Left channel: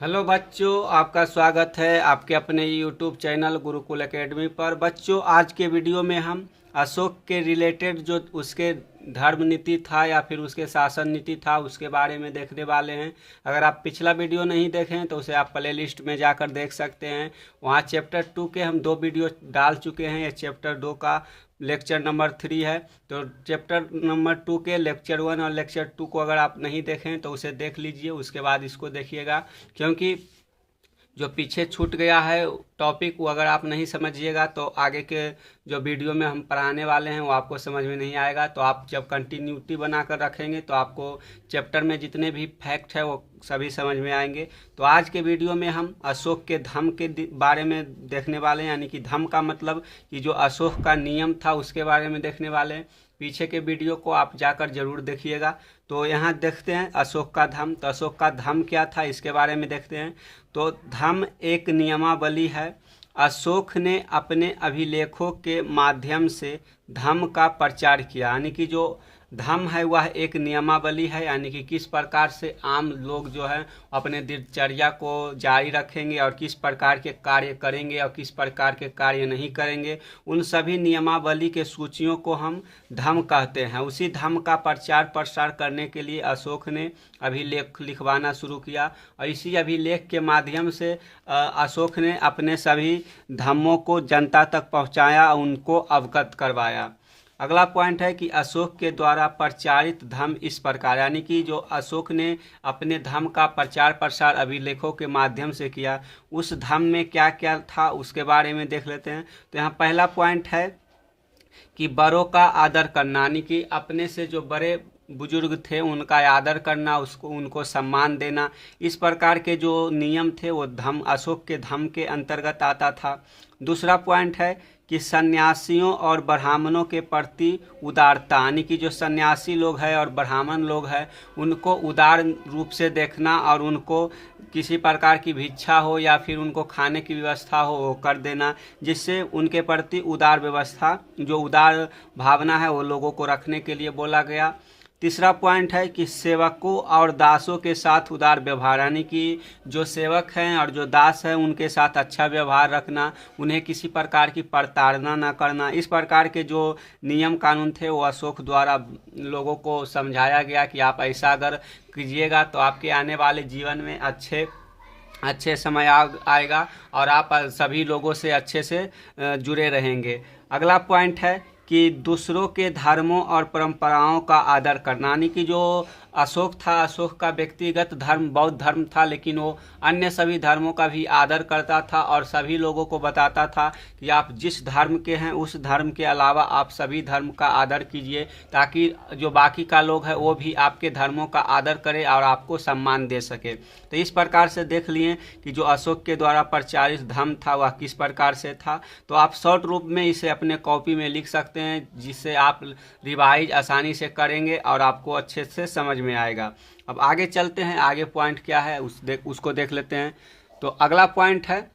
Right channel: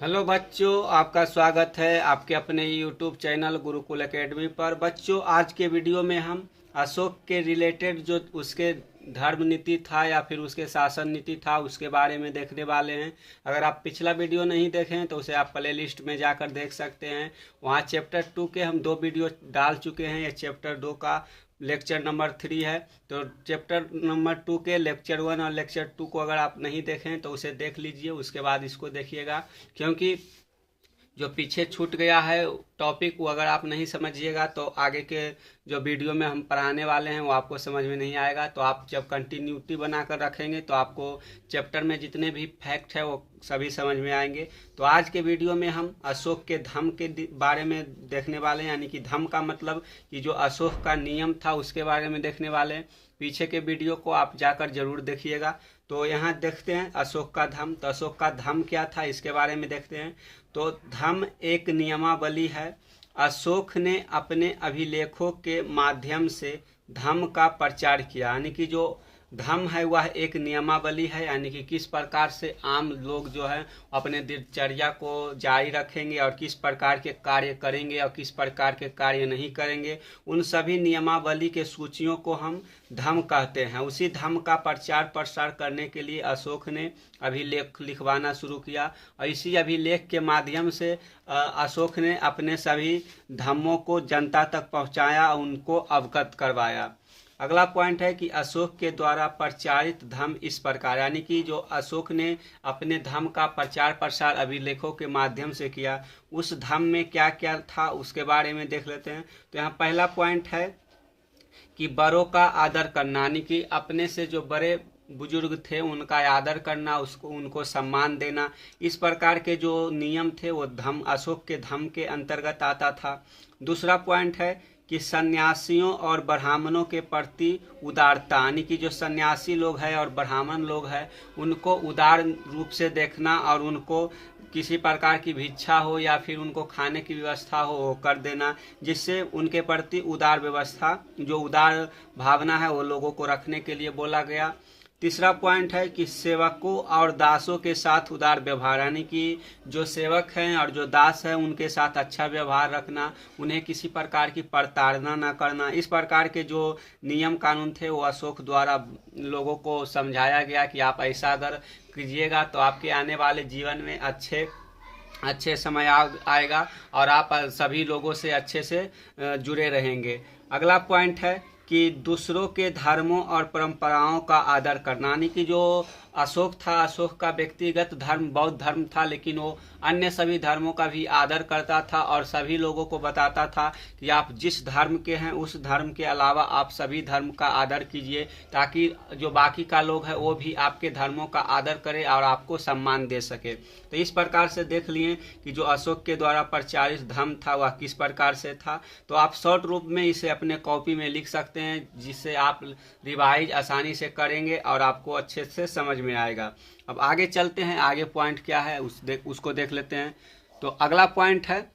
Hello बच्चों, आपका स्वागत है आपके अपने यूट्यूब चैनल गुरुकुल एकेडमी पर। बच्चों, आज के वीडियो में हम अशोक के रिलेटेड जो उसके धर्म नीति था या फिर उसके शासन नीति था उसके बारे में देखने वाले हैं। अगर आप पिछला वीडियो नहीं देखें तो उसे आप प्ले लिस्ट में जाकर देख सकते हैं। वहाँ चैप्टर 2 के हम 2 वीडियो डाल चुके हैं। ये चैप्टर 2 का लेक्चर नंबर 3 है। तो चैप्टर नंबर 2 के लेक्चर 1 और लेक्चर 2 को अगर आप नहीं देखें तो उसे देख लीजिए, उसके बाद इसको देखिएगा, क्योंकि जो पीछे छूट गया है टॉपिक वो अगर आप नहीं समझिएगा तो आगे के जो वीडियो में हम पढ़ाने वाले हैं वो आपको समझ में नहीं आएगा। तो आप जब कंटिन्यूटी बनाकर रखेंगे तो आपको चैप्टर में जितने भी फैक्ट है वो सभी समझ में आएंगे। तो आज के वीडियो में हम अशोक के धम्म के बारे में देखने वाले हैं, यानी कि धम्म का मतलब कि जो अशोक का नियम था उसके बारे में देखने वाले हैं। पीछे के वीडियो को आप जाकर जरूर देखिएगा। तो यहाँ देखते हैं अशोक का धम्म। तो अशोक का धम्म क्या था इसके बारे में देखते हैं। तो धम्म एक नियमावली है। अशोक ने अपने अभिलेखों के माध्यम से धम्म का प्रचार किया, यानी कि जो धम्म है वह एक नियमावली है, यानी कि किस प्रकार से आम लोग जो है अपने दिनचर्या को जारी रखेंगे और किस प्रकार के कार्य करेंगे और किस प्रकार के कार्य नहीं करेंगे, उन सभी नियमावली के सूचियों को हम धम्म कहते हैं। उसी धम्म का प्रचार प्रसार करने के लिए अशोक ने अभिलेख लिखवाना शुरू किया और इसी अभिलेख के माध्यम से अशोक ने अपने सभी धम्मों को जनता तक पहुंचाया, उनको अवगत करवाया। अगला पॉइंट है कि अशोक के द्वारा प्रचारित धम्म इस प्रकार, यानी कि जो अशोक ने अपने धम्म का प्रचार प्रसार अभिलेखों के माध्यम से किया, उस धम्म में क्या क्या था उसके बारे में देख लेते हैं। तो यहाँ पहला पॉइंट है कि बड़ों का आदर करना, यानी कि अपने से जो बड़े बुजुर्ग थे उनका आदर करना, उसको उनको सम्मान देना। इस प्रकार के जो नियम थे वो धम्म अशोक के धम्म के अंतर्गत आता था। दूसरा पॉइंट है कि सन्यासियों और ब्राह्मणों के प्रति उदारता, यानी कि जो सन्यासी लोग हैं और ब्राह्मण लोग हैं उनको उदार रूप से देखना और उनको किसी प्रकार की भिक्षा हो या फिर उनको खाने की व्यवस्था हो वो कर देना, जिससे उनके प्रति उदार व्यवस्था, जो उदार भावना है वो लोगों को रखने के लिए बोला गया। तीसरा पॉइंट है कि सेवकों और दासों के साथ उदार व्यवहार, यानी कि जो सेवक हैं और जो दास हैं उनके साथ अच्छा व्यवहार रखना, उन्हें किसी प्रकार की प्रताड़ना न करना। इस प्रकार के जो नियम कानून थे वो अशोक द्वारा लोगों को समझाया गया कि आप ऐसा अगर कीजिएगा तो आपके आने वाले जीवन में अच्छे समय आएगा और आप सभी लोगों से अच्छे से जुड़े रहेंगे। अगला पॉइंट है कि दूसरों के धर्मों और परंपराओं का आदर करना, यानी कि जो अशोक था, अशोक का व्यक्तिगत धर्म बौद्ध धर्म था, लेकिन वो अन्य सभी धर्मों का भी आदर करता था और सभी लोगों को बताता था कि आप जिस धर्म के हैं उस धर्म के अलावा आप सभी धर्म का आदर कीजिए, ताकि जो बाकी का लोग हैं वो भी आपके धर्मों का आदर करे और आपको सम्मान दे सके। तो इस प्रकार से देख लिए कि जो अशोक के द्वारा प्रचारित धर्म था वह किस प्रकार से था। तो आप शॉर्ट रूप में इसे अपने कॉपी में लिख सकते हैं, जिससे आप रिवाइज आसानी से करेंगे और आपको अच्छे से समझ में आएगा। अब आगे चलते हैं, आगे पॉइंट क्या है उसको देख लेते हैं। तो अगला पॉइंट है,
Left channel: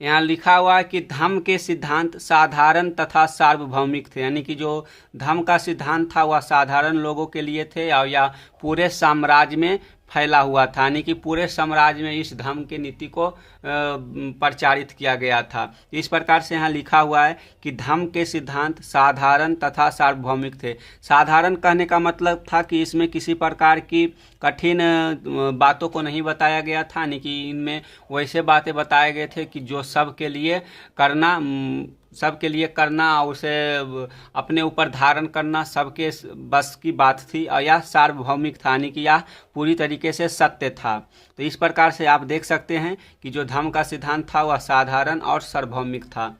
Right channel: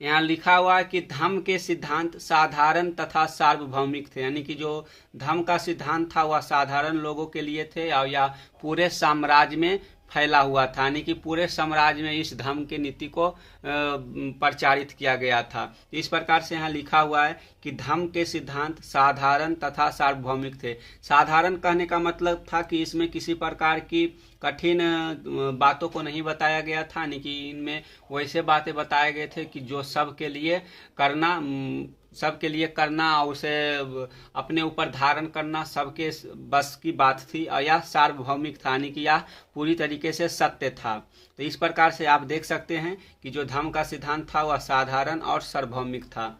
यहाँ लिखा हुआ है कि धम्म के सिद्धांत साधारण तथा सार्वभौमिक थे, यानी कि जो धम्म का सिद्धांत था वह साधारण लोगों के लिए थे और या पूरे साम्राज्य में फैला हुआ था, यानी कि पूरे साम्राज्य में इस धम्म के नीति को प्रचारित किया गया था। इस प्रकार से यहाँ लिखा हुआ है कि धम्म के सिद्धांत साधारण तथा सार्वभौमिक थे। साधारण कहने का मतलब था कि इसमें किसी प्रकार की कठिन बातों को नहीं बताया गया था, यानी कि इनमें वैसे बातें बताए गए थे कि जो सबके लिए करना और उसे अपने ऊपर धारण करना सबके बस की बात थी, और यह सार्वभौमिक था, यानी कि यह पूरी तरीके से सत्य था। तो इस प्रकार से आप देख सकते हैं कि जो धम्म का सिद्धांत था वह साधारण और सार्वभौमिक था।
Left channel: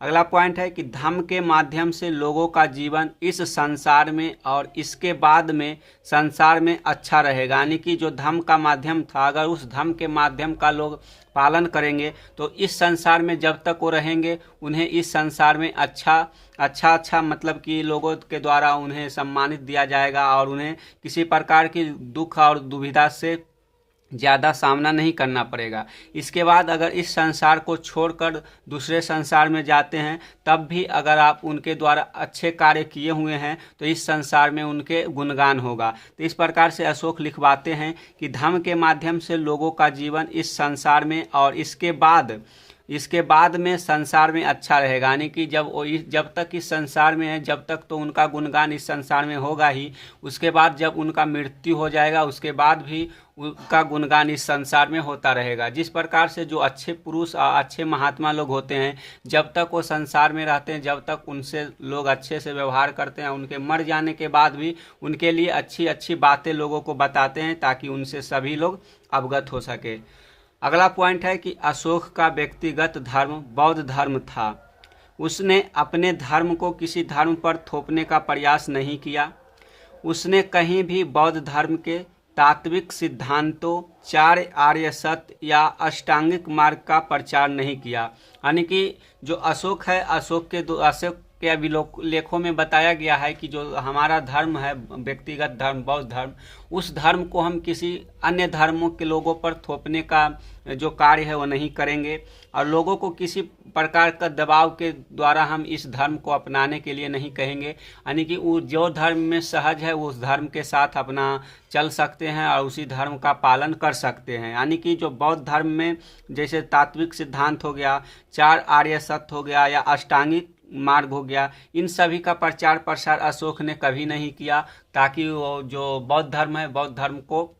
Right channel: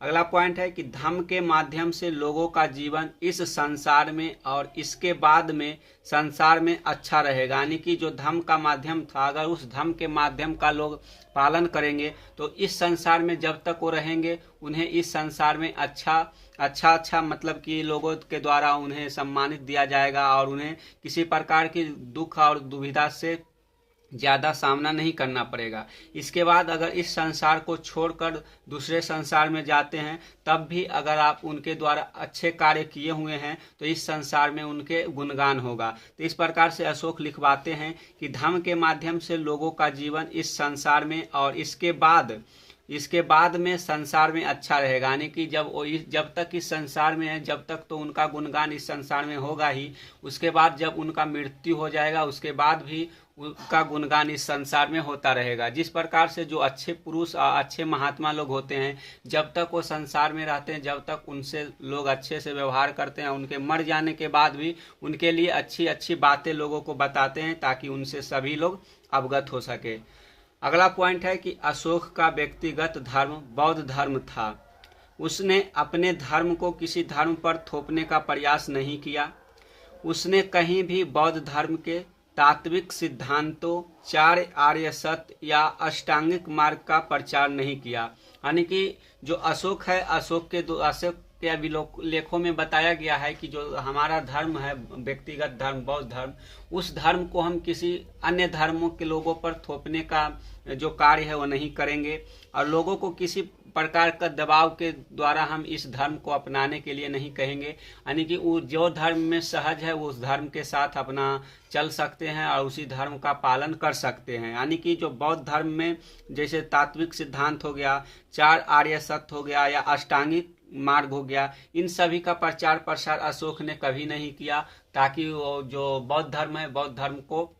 अगला पॉइंट है कि धम्म के माध्यम से लोगों का जीवन इस संसार में और इसके बाद में संसार में अच्छा रहेगा, यानी कि जो धम्म का माध्यम था अगर उस धम्म के माध्यम का लोग पालन करेंगे तो इस संसार में जब तक वो रहेंगे उन्हें इस संसार में अच्छा मतलब कि लोगों के द्वारा उन्हें सम्मानित दिया जाएगा और उन्हें किसी प्रकार की दुख और दुविधा से ज़्यादा सामना नहीं करना पड़ेगा। इसके बाद अगर इस संसार को छोड़कर दूसरे संसार में जाते हैं, तब भी अगर आप उनके द्वारा अच्छे कार्य किए हुए हैं तो इस संसार में उनके गुणगान होगा। तो इस प्रकार से अशोक लिखवाते हैं कि धर्म के माध्यम से लोगों का जीवन इस संसार में और इसके बाद में संसार में अच्छा रहेगा। यानी कि जब तक इस संसार में है, जब तक तो उनका गुणगान इस संसार में होगा ही। उसके बाद जब उनका मृत्यु हो जाएगा, उसके बाद भी उनका गुणगान इस संसार में होता रहेगा। जिस प्रकार से जो अच्छे पुरुष और अच्छे महात्मा लोग होते हैं, जब तक वो संसार में रहते हैं, जब तक उनसे लोग अच्छे से व्यवहार करते हैं, उनके मर जाने के बाद भी उनके लिए अच्छी अच्छी बातें लोगों को बताते हैं, ताकि उनसे सभी लोग अवगत हो सके। अगला पॉइंट है कि अशोक का व्यक्तिगत धर्म बौद्ध धर्म था। उसने अपने धर्म को किसी धर्म पर थोपने का प्रयास नहीं किया। उसने कहीं भी बौद्ध धर्म के तात्विक सिद्धांतों, चार आर्य सत्य या अष्टांगिक मार्ग का प्रचार नहीं किया। यानी कि जो अशोक है, अशोक के अभिलेखों में बताया गया है कि जो हमारा धर्म है, व्यक्तिगत धर्म बौद्ध धर्म, उस धर्म को हम किसी अन्य धर्मों के लोगों पर थोपने का जो कार्य है वो नहीं करेंगे, और लोगों को किसी प्रकार का दबाव के द्वारा हम इस धर्म को अपनाने के लिए नहीं कहेंगे। यानी कि वो जो धर्म में सहज है वो उस धर्म के साथ अपना चल सकते हैं और उसी धर्म का पालन कर सकते हैं। यानी कि जो बौद्ध धर्म में जैसे तात्विक सिद्धांत हो गया, चार आर्य सत्य हो गया या अष्टांगिक मार्ग हो गया, इन सभी का प्रचार प्रसार अशोक ने कभी नहीं किया, ताकि वो जो बौद्ध धर्म है, बौद्ध धर्म को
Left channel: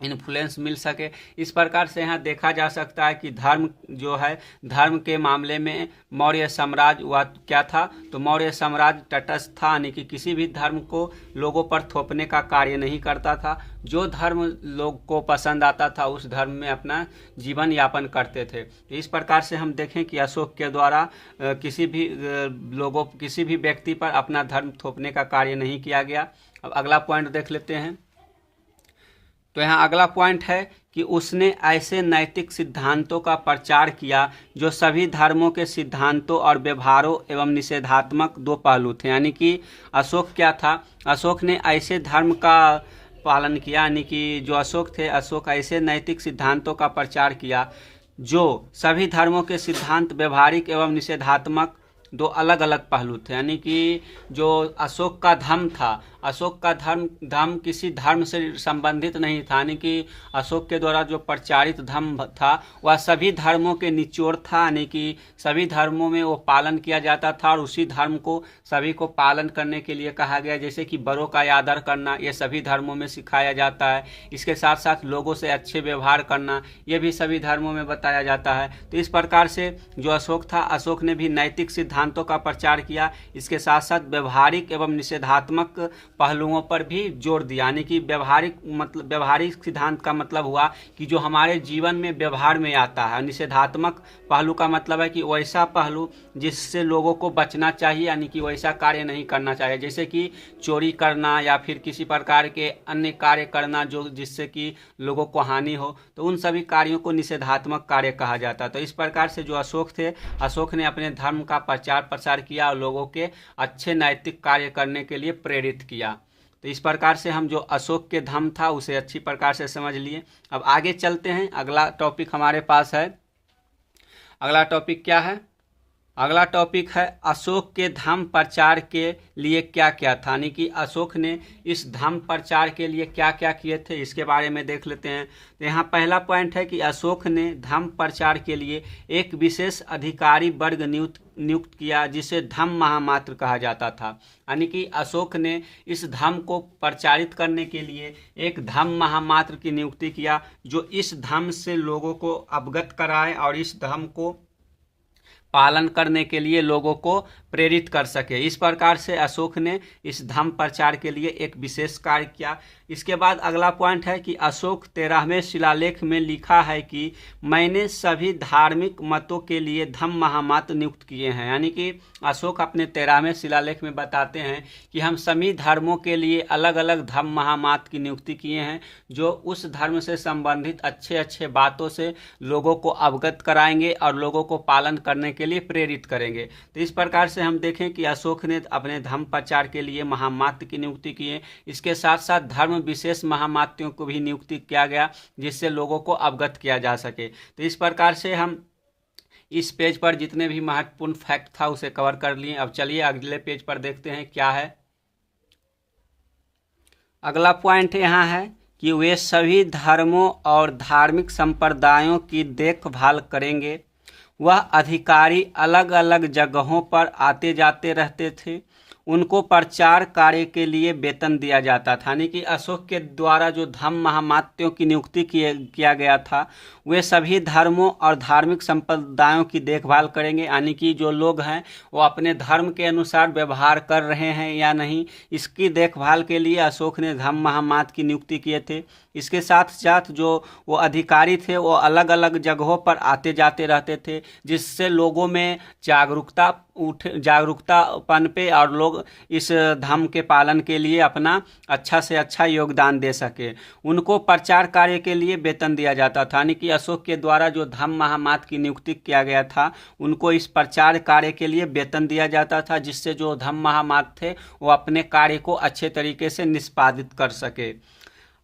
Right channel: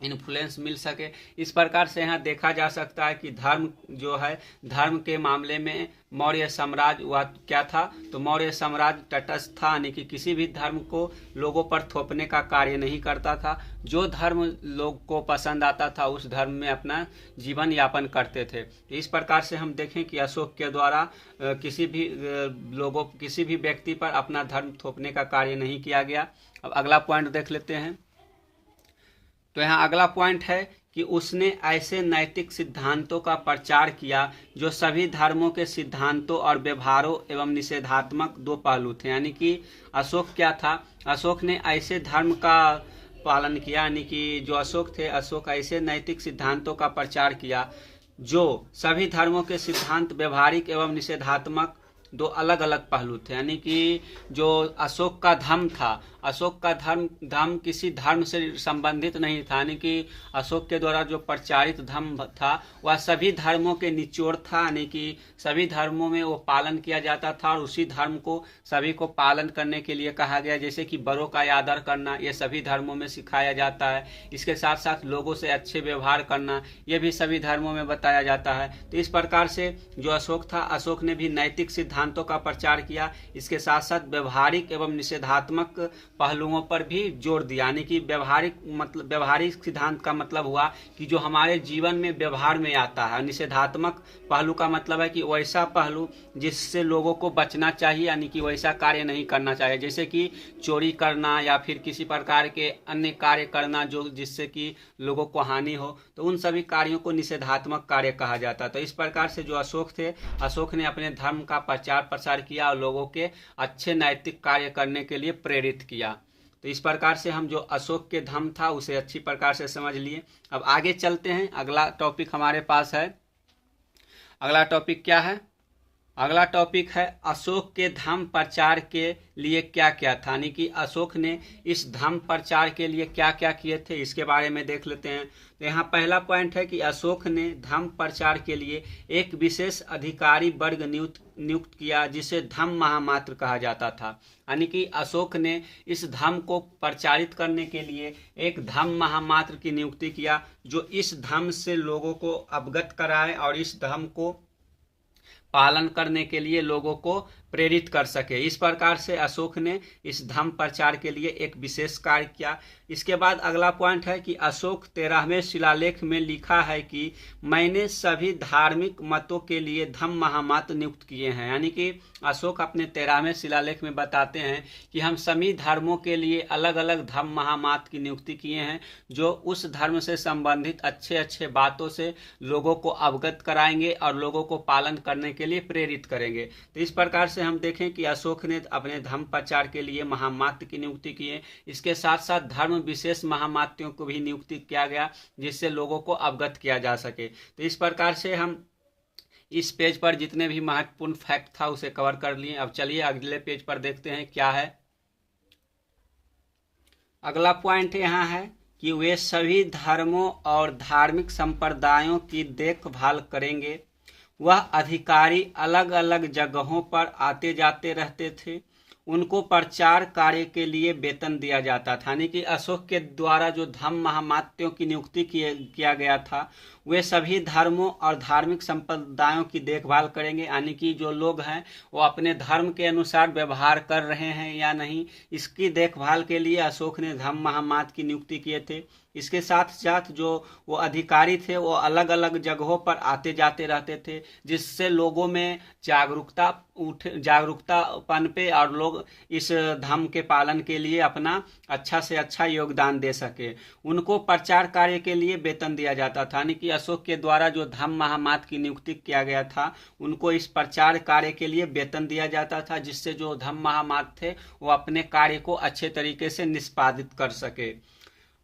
इन्फ्लुएंस मिल सके। इस प्रकार से यहाँ देखा जा सकता है कि धर्म जो है, धर्म के मामले में मौर्य साम्राज्य वह क्या था, तो मौर्य साम्राज्य तटस्थ था। यानी कि किसी भी धर्म को लोगों पर थोपने का कार्य नहीं करता था। जो धर्म लोग को पसंद आता था उस धर्म में अपना जीवन यापन करते थे। इस प्रकार से हम देखें कि अशोक के द्वारा किसी भी व्यक्ति पर अपना धर्म थोपने का कार्य नहीं किया गया। अब अगला पॉइंट देख लेते हैं। तो यहाँ अगला पॉइंट है कि उसने ऐसे नैतिक सिद्धांतों का प्रचार किया जो सभी धर्मों के सिद्धांतों और व्यवहारों एवं निषेधात्मक दो पहलू थे। यानी कि अशोक क्या था, अशोक ने ऐसे धर्म का पालन किया। यानी कि जो अशोक थे, अशोक ऐसे नैतिक सिद्धांतों का प्रचार किया जो सभी धर्मों के सिद्धांत, व्यवहारिक एवं निषेधात्मक दो अलग अलग पहलू थे। यानी कि जो अशोक का धर्म था, अशोक का धर्म किसी धर्म से संबंधित नहीं था। यानी कि अशोक के द्वारा जो प्रचारित धर्म था वह सभी धर्मों के निचोड़ था। यानी कि सभी धर्मों में वो पालन किया जाता था और उसी धर्म को सभी को पालन करने के लिए कहा गया। जैसे कि बड़ों का आदर करना, ये सभी धर्मों में सिखाया जाता है। इसके साथ साथ लोगों से अच्छे व्यवहार करना, ये भी सभी धर्मों में बताया जाता है। तो इस प्रकार से जो अशोक था, अशोक ने भी नैतिक सिद्धांतों का प्रचार किया। इसके साथ साथ व्यवहारिक एवं निषेधात्मक पहलुओं पर भी जोर दिया। यानी कि व्यवहारिक सिद्धांत का मतलब हुआ कि जो हमारे जीवन में व्यवहार में आता है। निषेधात्मक पहलू का मतलब है कि वैसा पहलू जिससे लोगों को बचना चाहिए, यानी कि वैसा कार्य नहीं करना चाहिए। जैसे कि चोरी करना या फिर किसी प्रकार के अन्य कार्य करना जो जिससे कि लोगों को हानि हो, तो उन सभी कार्यों को निषेधात्मक कार्य कहा जाता है। तो इस प्रकार से जो अशोक थे, अशोक ने अपने धर्म का प्रचार प्रसार किया और लोगों के अच्छे नैतिक कार्य करने के लिए प्रेरित किया। तो इस प्रकार से हम जो अशोक के धर्म था उसे अच्छी प्रकार से समझ लिए। अब आगे चलते हैं। अगला टॉपिक हमारे पास है। अगला टॉपिक क्या है? अगला टॉपिक है अशोक के धर्म प्रचार के लिए क्या क्या था। यानी कि अशोक ने इस धर्म प्रचार के लिए क्या क्या किए थे, इसके बारे में देख लेते हैं। तो यहाँ पहला पॉइंट है कि अशोक ने धर्म प्रचार के लिए एक विशेष अधिकारी वर्ग नियुक्त किया, जिसे धम्म महामात्र कहा जाता था। यानी कि अशोक ने इस धर्म को प्रचारित करने के लिए एक धम्म महामात्र की नियुक्ति किया, जो इस धर्म से लोगों को अवगत कराए और इस धर्म को पालन करने के लिए लोगों को प्रेरित कर सके। इस प्रकार से अशोक ने इस धर्म प्रचार के लिए एक विशेष कार्य किया। इसके बाद अगला पॉइंट है कि अशोक 13वें शिलालेख में लिखा है कि मैंने सभी धार्मिक मतों के लिए धम्म महामात्र नियुक्त किए हैं। यानी कि अशोक अपने 13वें शिलालेख में बताते हैं कि हम सभी धर्मों के लिए अलग अलग धर्म महामात्र की नियुक्ति किए हैं, जो उस धर्म से संबंधित अच्छे अच्छे बातों से लोगों को अवगत कराएंगे और लोगों को पालन करने के लिए प्रेरित करेंगे। तो इस प्रकार से हम देखें कि अशोक ने अपने धर्म प्रचार के लिए महामात्र की नियुक्ति की है। इसके साथ साथ धर्म विशेष महामात्यों को भी नियुक्ति किया गया, जिससे लोगों को अवगत किया जा सके। तो इस प्रकार से हम इस पेज पर जितने भी महत्वपूर्ण फैक्ट था उसे कवर कर लिए। अब चलिए अगले पेज पर देखते हैं क्या है। अगला पॉइंट यहाँ है कि वे सभी धर्मों और धार्मिक संप्रदायों की देखभाल करेंगे। वह अधिकारी अलग अलग जगहों पर आते जाते रहते थे। उनको प्रचार कार्य के लिए वेतन दिया जाता था। यानी कि अशोक के द्वारा जो धर्म महामात्यों की नियुक्ति किया गया था, वे सभी धर्मों और धार्मिक संप्रदायों की देखभाल करेंगे। यानी कि जो लोग हैं वो अपने धर्म के अनुसार व्यवहार कर रहे हैं या नहीं, इसकी देखभाल के लिए अशोक ने धर्म महामात्र की नियुक्ति किए थे। इसके साथ साथ जो वो अधिकारी थे वो अलग अलग जगहों पर आते जाते रहते थे, जिससे लोगों में जागरूकता पनपे और लोग इस धर्म के पालन के लिए अपना अच्छा से अच्छा योगदान दे सके। उनको प्रचार कार्य के लिए वेतन दिया जाता था। यानी कि अशोक के द्वारा जो धर्म महामात्र की नियुक्ति किया गया था, उनको इस प्रचार कार्य के लिए वेतन दिया जाता था, जिससे जो धर्म महामात्र थे वो अपने कार्य को अच्छे तरीके से निष्पादित कर सके।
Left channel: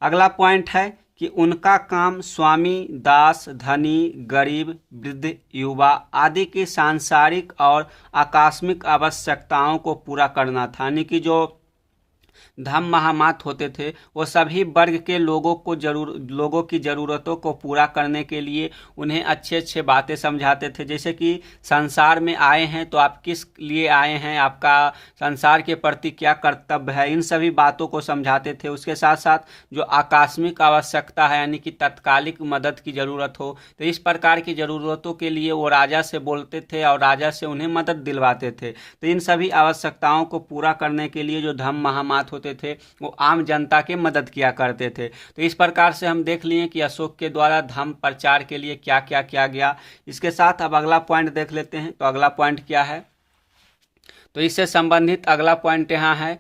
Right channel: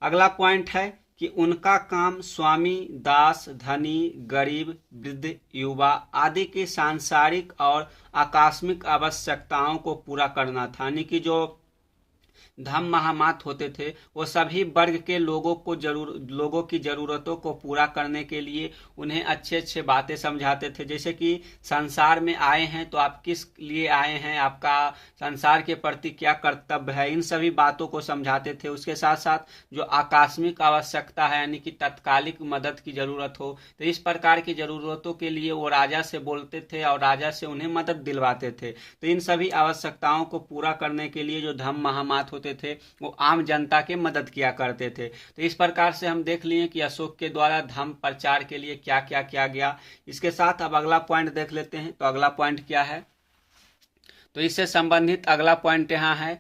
अगला पॉइंट है कि उनका काम स्वामी, दास, धनी, गरीब, वृद्ध, युवा आदि की सांसारिक और आकस्मिक आवश्यकताओं को पूरा करना था। यानी कि जो धर्म महामात्र होते थे वो सभी वर्ग के लोगों की ज़रूरतों को पूरा करने के लिए उन्हें अच्छे अच्छे बातें समझाते थे। जैसे कि संसार में आए हैं तो आप किस लिए आए हैं, आपका संसार के प्रति क्या कर्तव्य है, इन सभी बातों को समझाते थे। उसके साथ साथ जो आकस्मिक आवश्यकता है, यानी कि तत्कालिक मदद की ज़रूरत हो, तो इस प्रकार की ज़रूरतों के लिए वो राजा से बोलते थे और राजा से उन्हें मदद दिलवाते थे। तो इन सभी आवश्यकताओं को पूरा करने के लिए जो धर्म महामात्र होते थे वो आम जनता की मदद किया करते थे। तो इस प्रकार से हम देख लिए कि अशोक के द्वारा धर्म प्रचार के लिए क्या क्या किया गया। इसके साथ अब अगला पॉइंट देख लेते हैं। तो अगला पॉइंट क्या है, तो इससे संबंधित अगला पॉइंट यहाँ है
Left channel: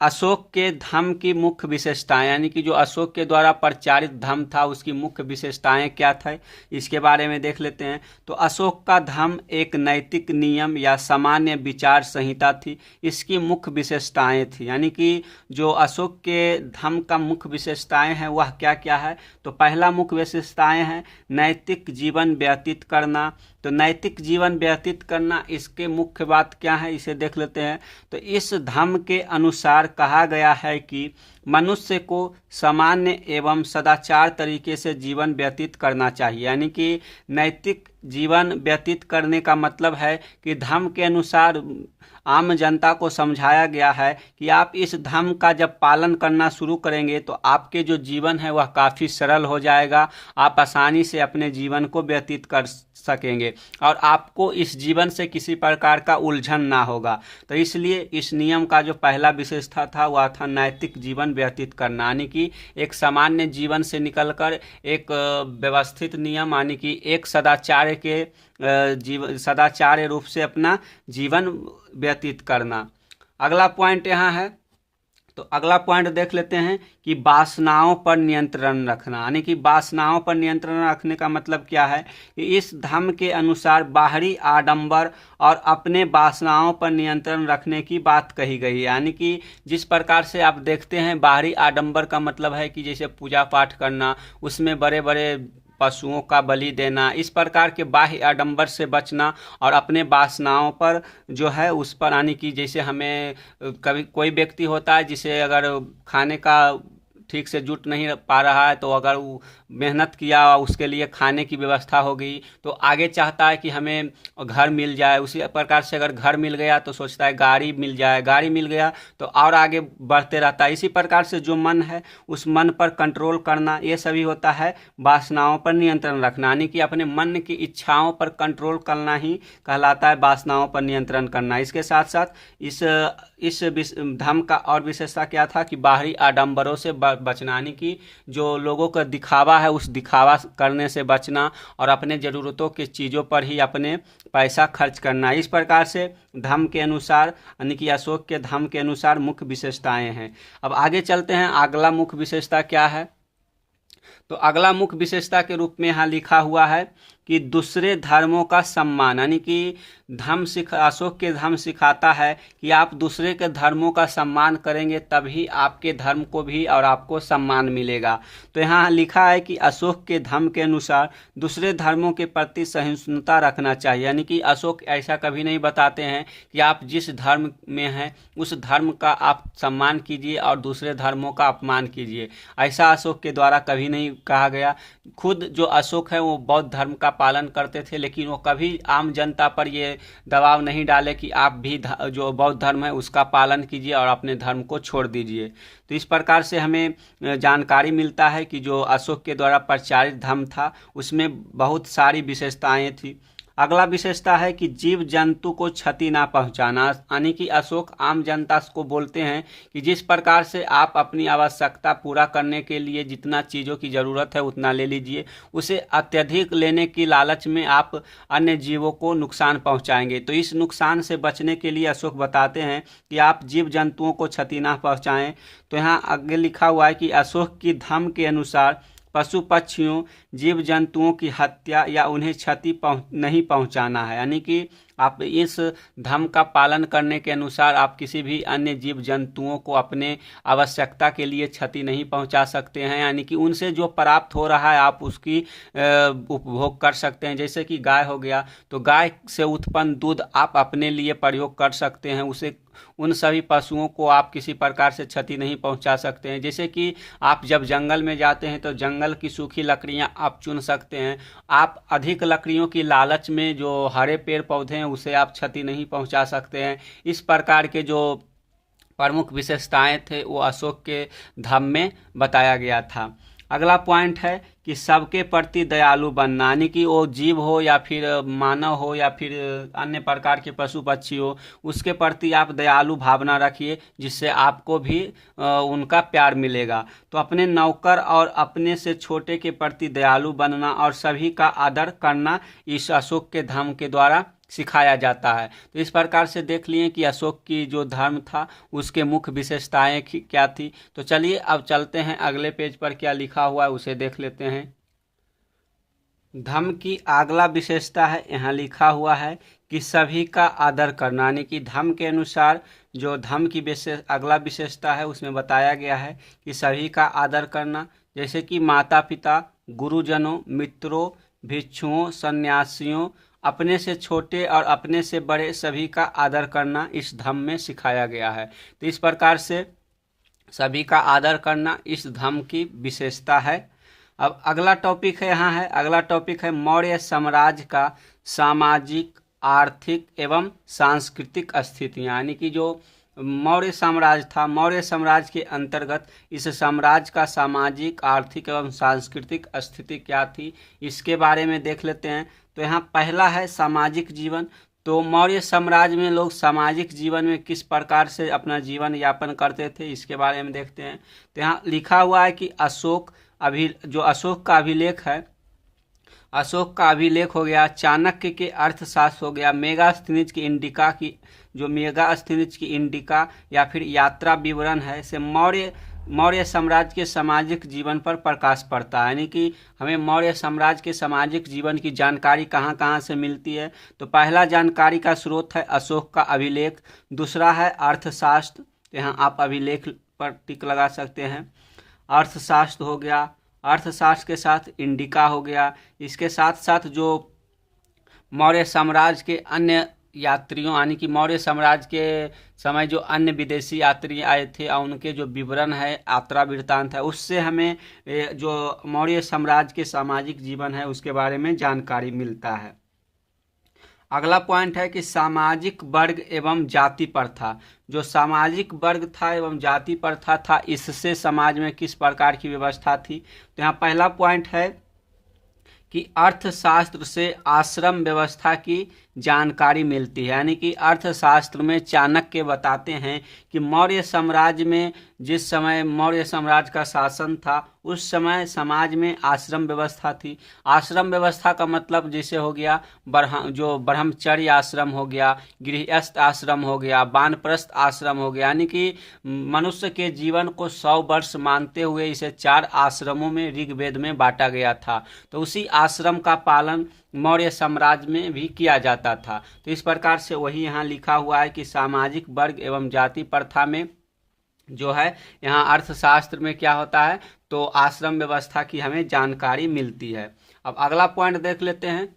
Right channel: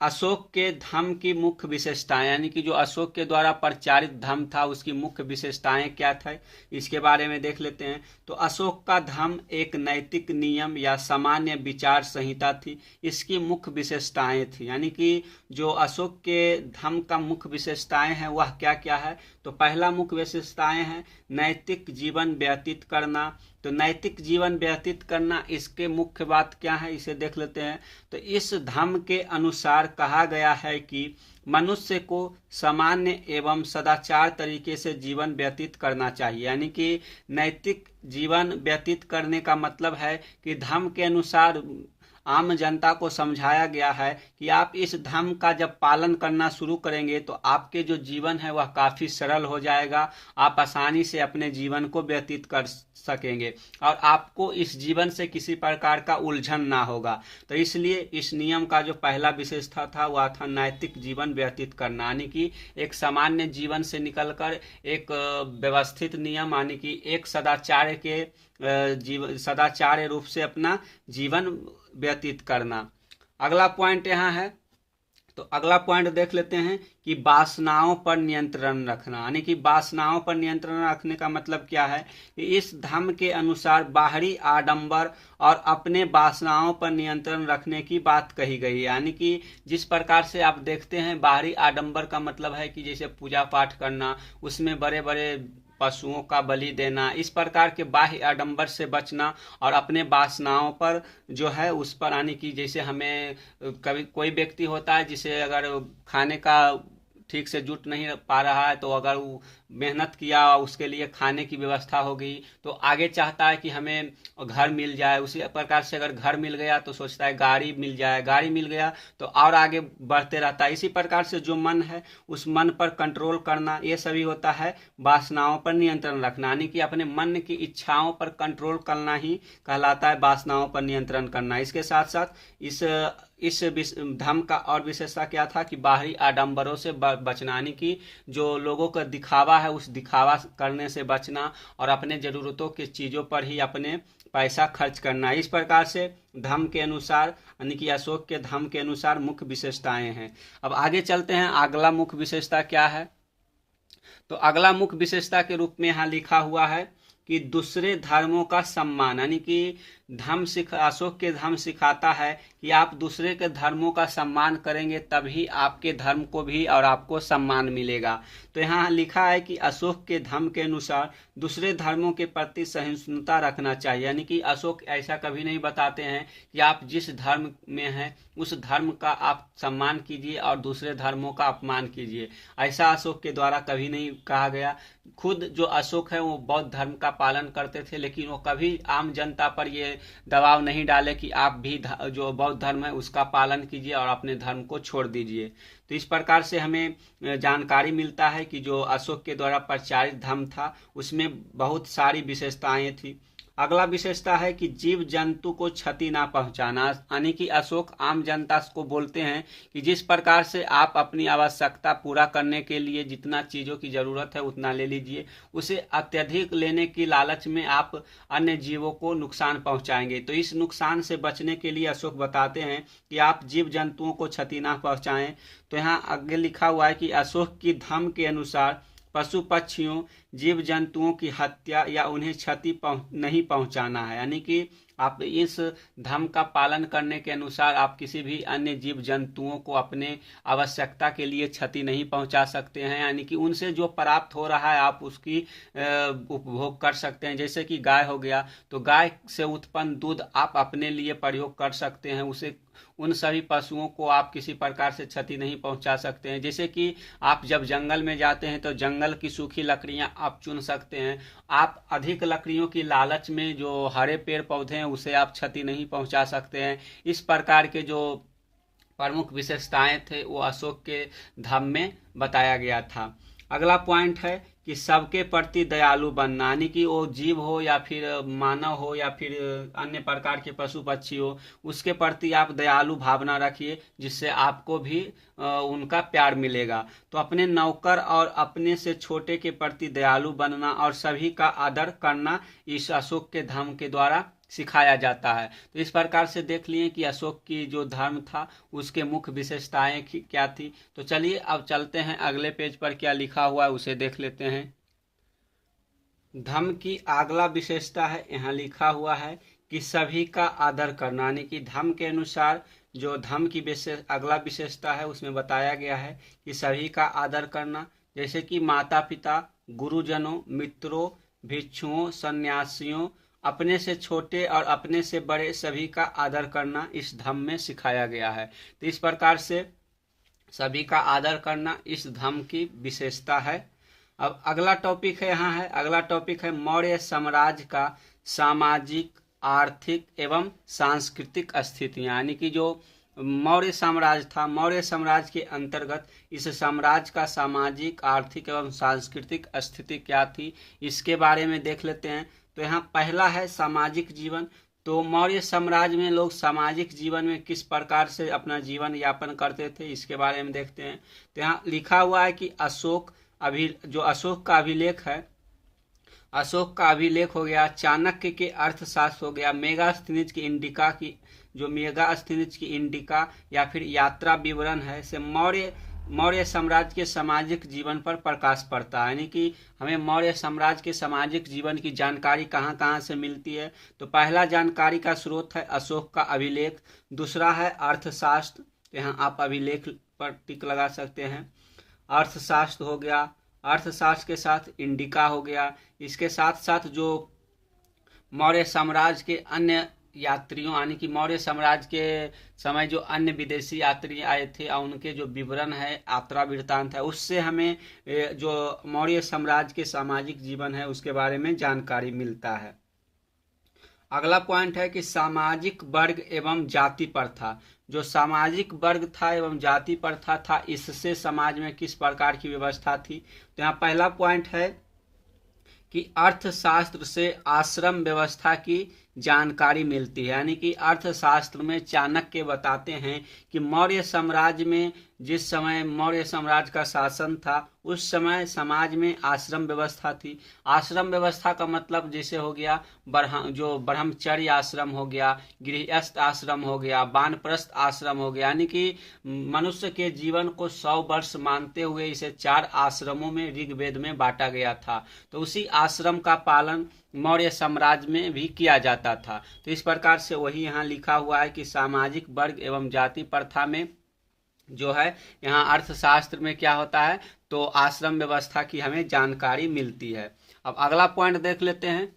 अशोक के धर्म की मुख्य विशेषताएं। यानी कि जो अशोक के द्वारा प्रचारित धर्म था उसकी मुख्य विशेषताएं क्या थे, इसके बारे में देख लेते हैं। तो अशोक का धर्म एक नैतिक नियम या सामान्य विचार संहिता थी। इसकी मुख्य विशेषताएं थी। यानी कि जो अशोक के धर्म का मुख्य विशेषताएं हैं वह क्या क्या है। तो पहला मुख्य विशेषताएं हैं नैतिक जीवन व्यतीत करना। तो नैतिक जीवन व्यतीत करना, इसके मुख्य बात क्या है इसे देख लेते हैं। तो इस धर्म के अनुसार कहा गया है कि मनुष्य को सामान्य एवं सदाचार तरीके से जीवन व्यतीत करना चाहिए। यानी कि नैतिक जीवन व्यतीत करने का मतलब है कि धर्म के अनुसार आम जनता को समझाया गया है कि आप इस धर्म का जब पालन करना शुरू करेंगे तो आपके जो जीवन है वह काफ़ी सरल हो जाएगा। आप आसानी से अपने जीवन को व्यतीत कर सकेंगे और आपको इस जीवन से किसी प्रकार का उलझन ना होगा। तो इसलिए इस नियम का जो पहला विशेषता था वह था नैतिक जीवन व्यतीत करना। यानी कि एक सामान्य जीवन से निकलकर एक व्यवस्थित नियम, यानी कि एक सदाचार्य रूप से अपना जीवन व्यतीत करना। अगला पॉइंट यहाँ है, तो अगला पॉइंट देख लेते हैं कि वासनाओं पर नियंत्रण रखना। यानी कि वासनाओं पर नियंत्रण रखने का मतलब क्या है कि इस धर्म के अनुसार बाहरी आडंबर और अपने वासनाओं पर नियंत्रण रखने की बात कही गई है। यानी कि जिस प्रकार से आप देखते हैं बाहरी आडंबर का मतलब है कि जैसे पूजा पाठ करना, उसमें बड़े बड़े पशुओं का बलि देना, इस प्रकार के बाह्य आडंबर से बचना और अपने वासनाओं पर जो है उस पर, यानी कि जैसे हमें कभी कोई व्यक्ति होता है जिसे अगर खाने का ठीक से जुट नहीं पा रहा है, तो अगर वो मेहनत किया, उसके लिए खाने की व्यवस्था हो गई, तो आगे चाहता है कि हमें घर मिल जाए। उसी प्रकार से अगर घर मिल गया तो सोचता है गाड़ी मिल जाए, गाड़ी मिल गया तो और आगे बढ़ते रहता है। इसी प्रकार से जो मन है उस मन पर कंट्रोल करना, ये सभी होता है वासनाओं पर नियंत्रण रखना। यानी कि अपने मन की इच्छाओं पर कंट्रोल करना ही कहलाता है वासनाओं पर नियंत्रण करना। इसके साथ साथ इस धर्म का और विशेषता क्या था कि बाहरी आडंबरों से बचना। यानी कि जो लोगों का दिखावा दिखावा है उस दिखावा करने से बचना और अपने ज़रूरतों की चीज़ों पर ही अपने पैसा खर्च करना। इस प्रकार से धर्म के अनुसार यानी कि अशोक के धर्म के अनुसार मुख्य विशेषताएं हैं। अब आगे चलते हैं, अगला मुख्य विशेषता क्या है। तो अगला मुख्य विशेषता के रूप में यहाँ लिखा हुआ है कि दूसरे धर्मों का सम्मान, यानी कि अशोक के धर्म सिखाता है कि आप दूसरे के धर्मों का सम्मान करेंगे तभी आपके धर्म को भी और आपको सम्मान मिलेगा। तो यहाँ लिखा है कि अशोक के धर्म के अनुसार दूसरे धर्मों के प्रति सहिष्णुता रखना चाहिए, यानी कि अशोक ऐसा कभी नहीं बताते हैं कि आप जिस धर्म में हैं उस धर्म का आप सम्मान कीजिए और दूसरे धर्मों का अपमान कीजिए, ऐसा अशोक के द्वारा कभी नहीं कहा गया। खुद जो अशोक है वो बौद्ध धर्म का पालन करते थे, लेकिन वो कभी आम जनता पर ये दबाव नहीं डाले कि आप भी जो बौद्ध धर्म है उसका पालन कीजिए और अपने धर्म को छोड़ दीजिए। तो इस प्रकार से हमें जानकारी मिलता है कि जो अशोक के द्वारा प्रचारित धर्म था उसमें बहुत सारी विशेषताएं थी। अगला विशेषता है कि जीव जंतु को क्षति ना पहुंचाना, यानी कि अशोक आम जनता को बोलते हैं कि जिस प्रकार से आप अपनी आवश्यकता पूरा करने के लिए जितना चीज़ों की ज़रूरत है उतना ले लीजिए, उसे अत्यधिक लेने की लालच में आप अन्य जीवों को नुकसान पहुंचाएंगे। तो इस नुकसान से बचने के लिए अशोक बताते हैं कि आप जीव जंतुओं को क्षति ना पहुँचाएँ। तो यहाँ आगे लिखा हुआ है कि अशोक की धर्म के अनुसार पशु पक्षियों जीव जंतुओं की हत्या या उन्हें क्षति नहीं पहुंचाना है, यानी कि आप इस धर्म का पालन करने के अनुसार आप किसी भी अन्य जीव जंतुओं को अपने आवश्यकता के लिए क्षति नहीं पहुंचा सकते हैं, यानी कि उनसे जो प्राप्त हो रहा है आप उसकी उपभोग कर सकते हैं। जैसे कि गाय हो गया तो गाय से उत्पन्न दूध आप अपने लिए प्रयोग कर सकते हैं, उसे उन सभी पशुओं को आप किसी प्रकार से क्षति नहीं पहुंचा सकते हैं। जैसे कि आप जब जंगल में जाते हैं तो जंगल की सूखी लकड़ियां आप चुन सकते हैं, आप अधिक लकड़ियों की लालच में जो हरे पेड़ पौधे हैं उसे आप क्षति नहीं पहुंचा सकते हैं। इस प्रकार के जो प्रमुख विशेषताएं थे वो अशोक के धर्म में बताया गया था। अगला पॉइंट है कि सबके प्रति दयालु बनना, यानी कि वो जीव हो या फिर मानव हो या फिर अन्य प्रकार के पशु पक्षी हो, उसके प्रति आप दयालु भावना रखिए जिससे आपको भी उनका प्यार मिलेगा। तो अपने नौकर और अपने से छोटे के प्रति दयालु बनना और सभी का आदर करना इस अशोक के धर्म के द्वारा सिखाया जाता है। तो इस प्रकार से देख लिए कि अशोक की जो धर्म था उसके मुख्य विशेषताएं क्या थी। तो चलिए अब चलते हैं अगले पेज पर क्या लिखा हुआ है उसे देख लेते हैं। धर्म की अगला विशेषता है, यहाँ लिखा हुआ है कि सभी का आदर करना, यानी कि धर्म के अनुसार जो धर्म की अगला विशेषता है उसमें बताया गया है कि सभी का आदर करना, जैसे कि माता पिता, गुरुजनों, मित्रों, भिक्षुओं, सन्यासियों, अपने से छोटे और अपने से बड़े सभी का आदर करना इस धर्म में सिखाया गया है। तो इस प्रकार से सभी का आदर करना इस धर्म की विशेषता है। अब अगला टॉपिक है, यहाँ है अगला टॉपिक है मौर्य साम्राज्य का सामाजिक, आर्थिक एवं सांस्कृतिक स्थितियाँ, यानी कि जो मौर्य साम्राज्य था, मौर्य साम्राज्य के अंतर्गत इस साम्राज्य का सामाजिक, आर्थिक एवं सांस्कृतिक स्थिति क्या थी इसके बारे में देख लेते हैं। तो यहाँ पहला है सामाजिक जीवन। तो मौर्य साम्राज्य में लोग सामाजिक जीवन में किस प्रकार से अपना जीवन यापन करते थे इसके बारे में देखते हैं। तो यहाँ लिखा हुआ है कि अशोक का अभिलेख है, अशोक का अभिलेख हो गया, चाणक्य के अर्थशास्त्र हो गया, मेगास्थनीज की इंडिका या फिर यात्रा विवरण है, से मौर्य साम्राज्य के सामाजिक जीवन पर प्रकाश पड़ता है, यानी कि हमें मौर्य साम्राज्य के सामाजिक जीवन की जानकारी कहाँ कहाँ से मिलती है। तो पहला जानकारी का स्रोत है अशोक का अभिलेख, दूसरा है अर्थशास्त्र, तो यहाँ आप अभिलेख पर टिक लगा सकते हैं, अर्थशास्त्र हो गया, अर्थशास्त्र के साथ इंडिका हो गया, इसके साथ साथ जो मौर्य साम्राज्य के अन्य यात्रियों, यानी कि मौर्य साम्राज्य के समय जो अन्य विदेशी यात्री आए थे और उनके जो विवरण है, यात्रा वृत्तांत है, उससे हमें जो मौर्य साम्राज्य के सामाजिक जीवन है उसके बारे में जानकारी मिलता है। अगला पॉइंट है कि सामाजिक वर्ग एवं जाति प्रथा, जो सामाजिक वर्ग था एवं जाति प्रथा था इससे समाज में किस प्रकार की व्यवस्था थी। तो यहाँ पहला पॉइंट है कि अर्थशास्त्र से आश्रम व्यवस्था की जानकारी मिलती है। यानी कि अर्थशास्त्र में चाणक्य बताते हैं कि मौर्य साम्राज्य में, जिस समय मौर्य साम्राज्य का शासन था, उस समय समाज में आश्रम व्यवस्था थी। आश्रम व्यवस्था का मतलब जैसे हो गया जो ब्रह्मचर्य आश्रम हो गया, गृहस्थ आश्रम हो गया, वानप्रस्थ आश्रम हो गया। यानी कि मनुष्य के जीवन को 100 वर्ष मानते हुए इसे 4 आश्रमों में ऋग्वेद में बांटा गया था। तो उसी आश्रम का पालन मौर्य साम्राज्य में भी किया जाता था। तो इस प्रकार से वही यहाँ लिखा हुआ है कि सामाजिक वर्ग एवं जाति प्रथा में जो है, यहाँ अर्थशास्त्र में क्या होता है, तो आश्रम व्यवस्था की हमें जानकारी मिलती है। अब अगला पॉइंट देख लेते हैं।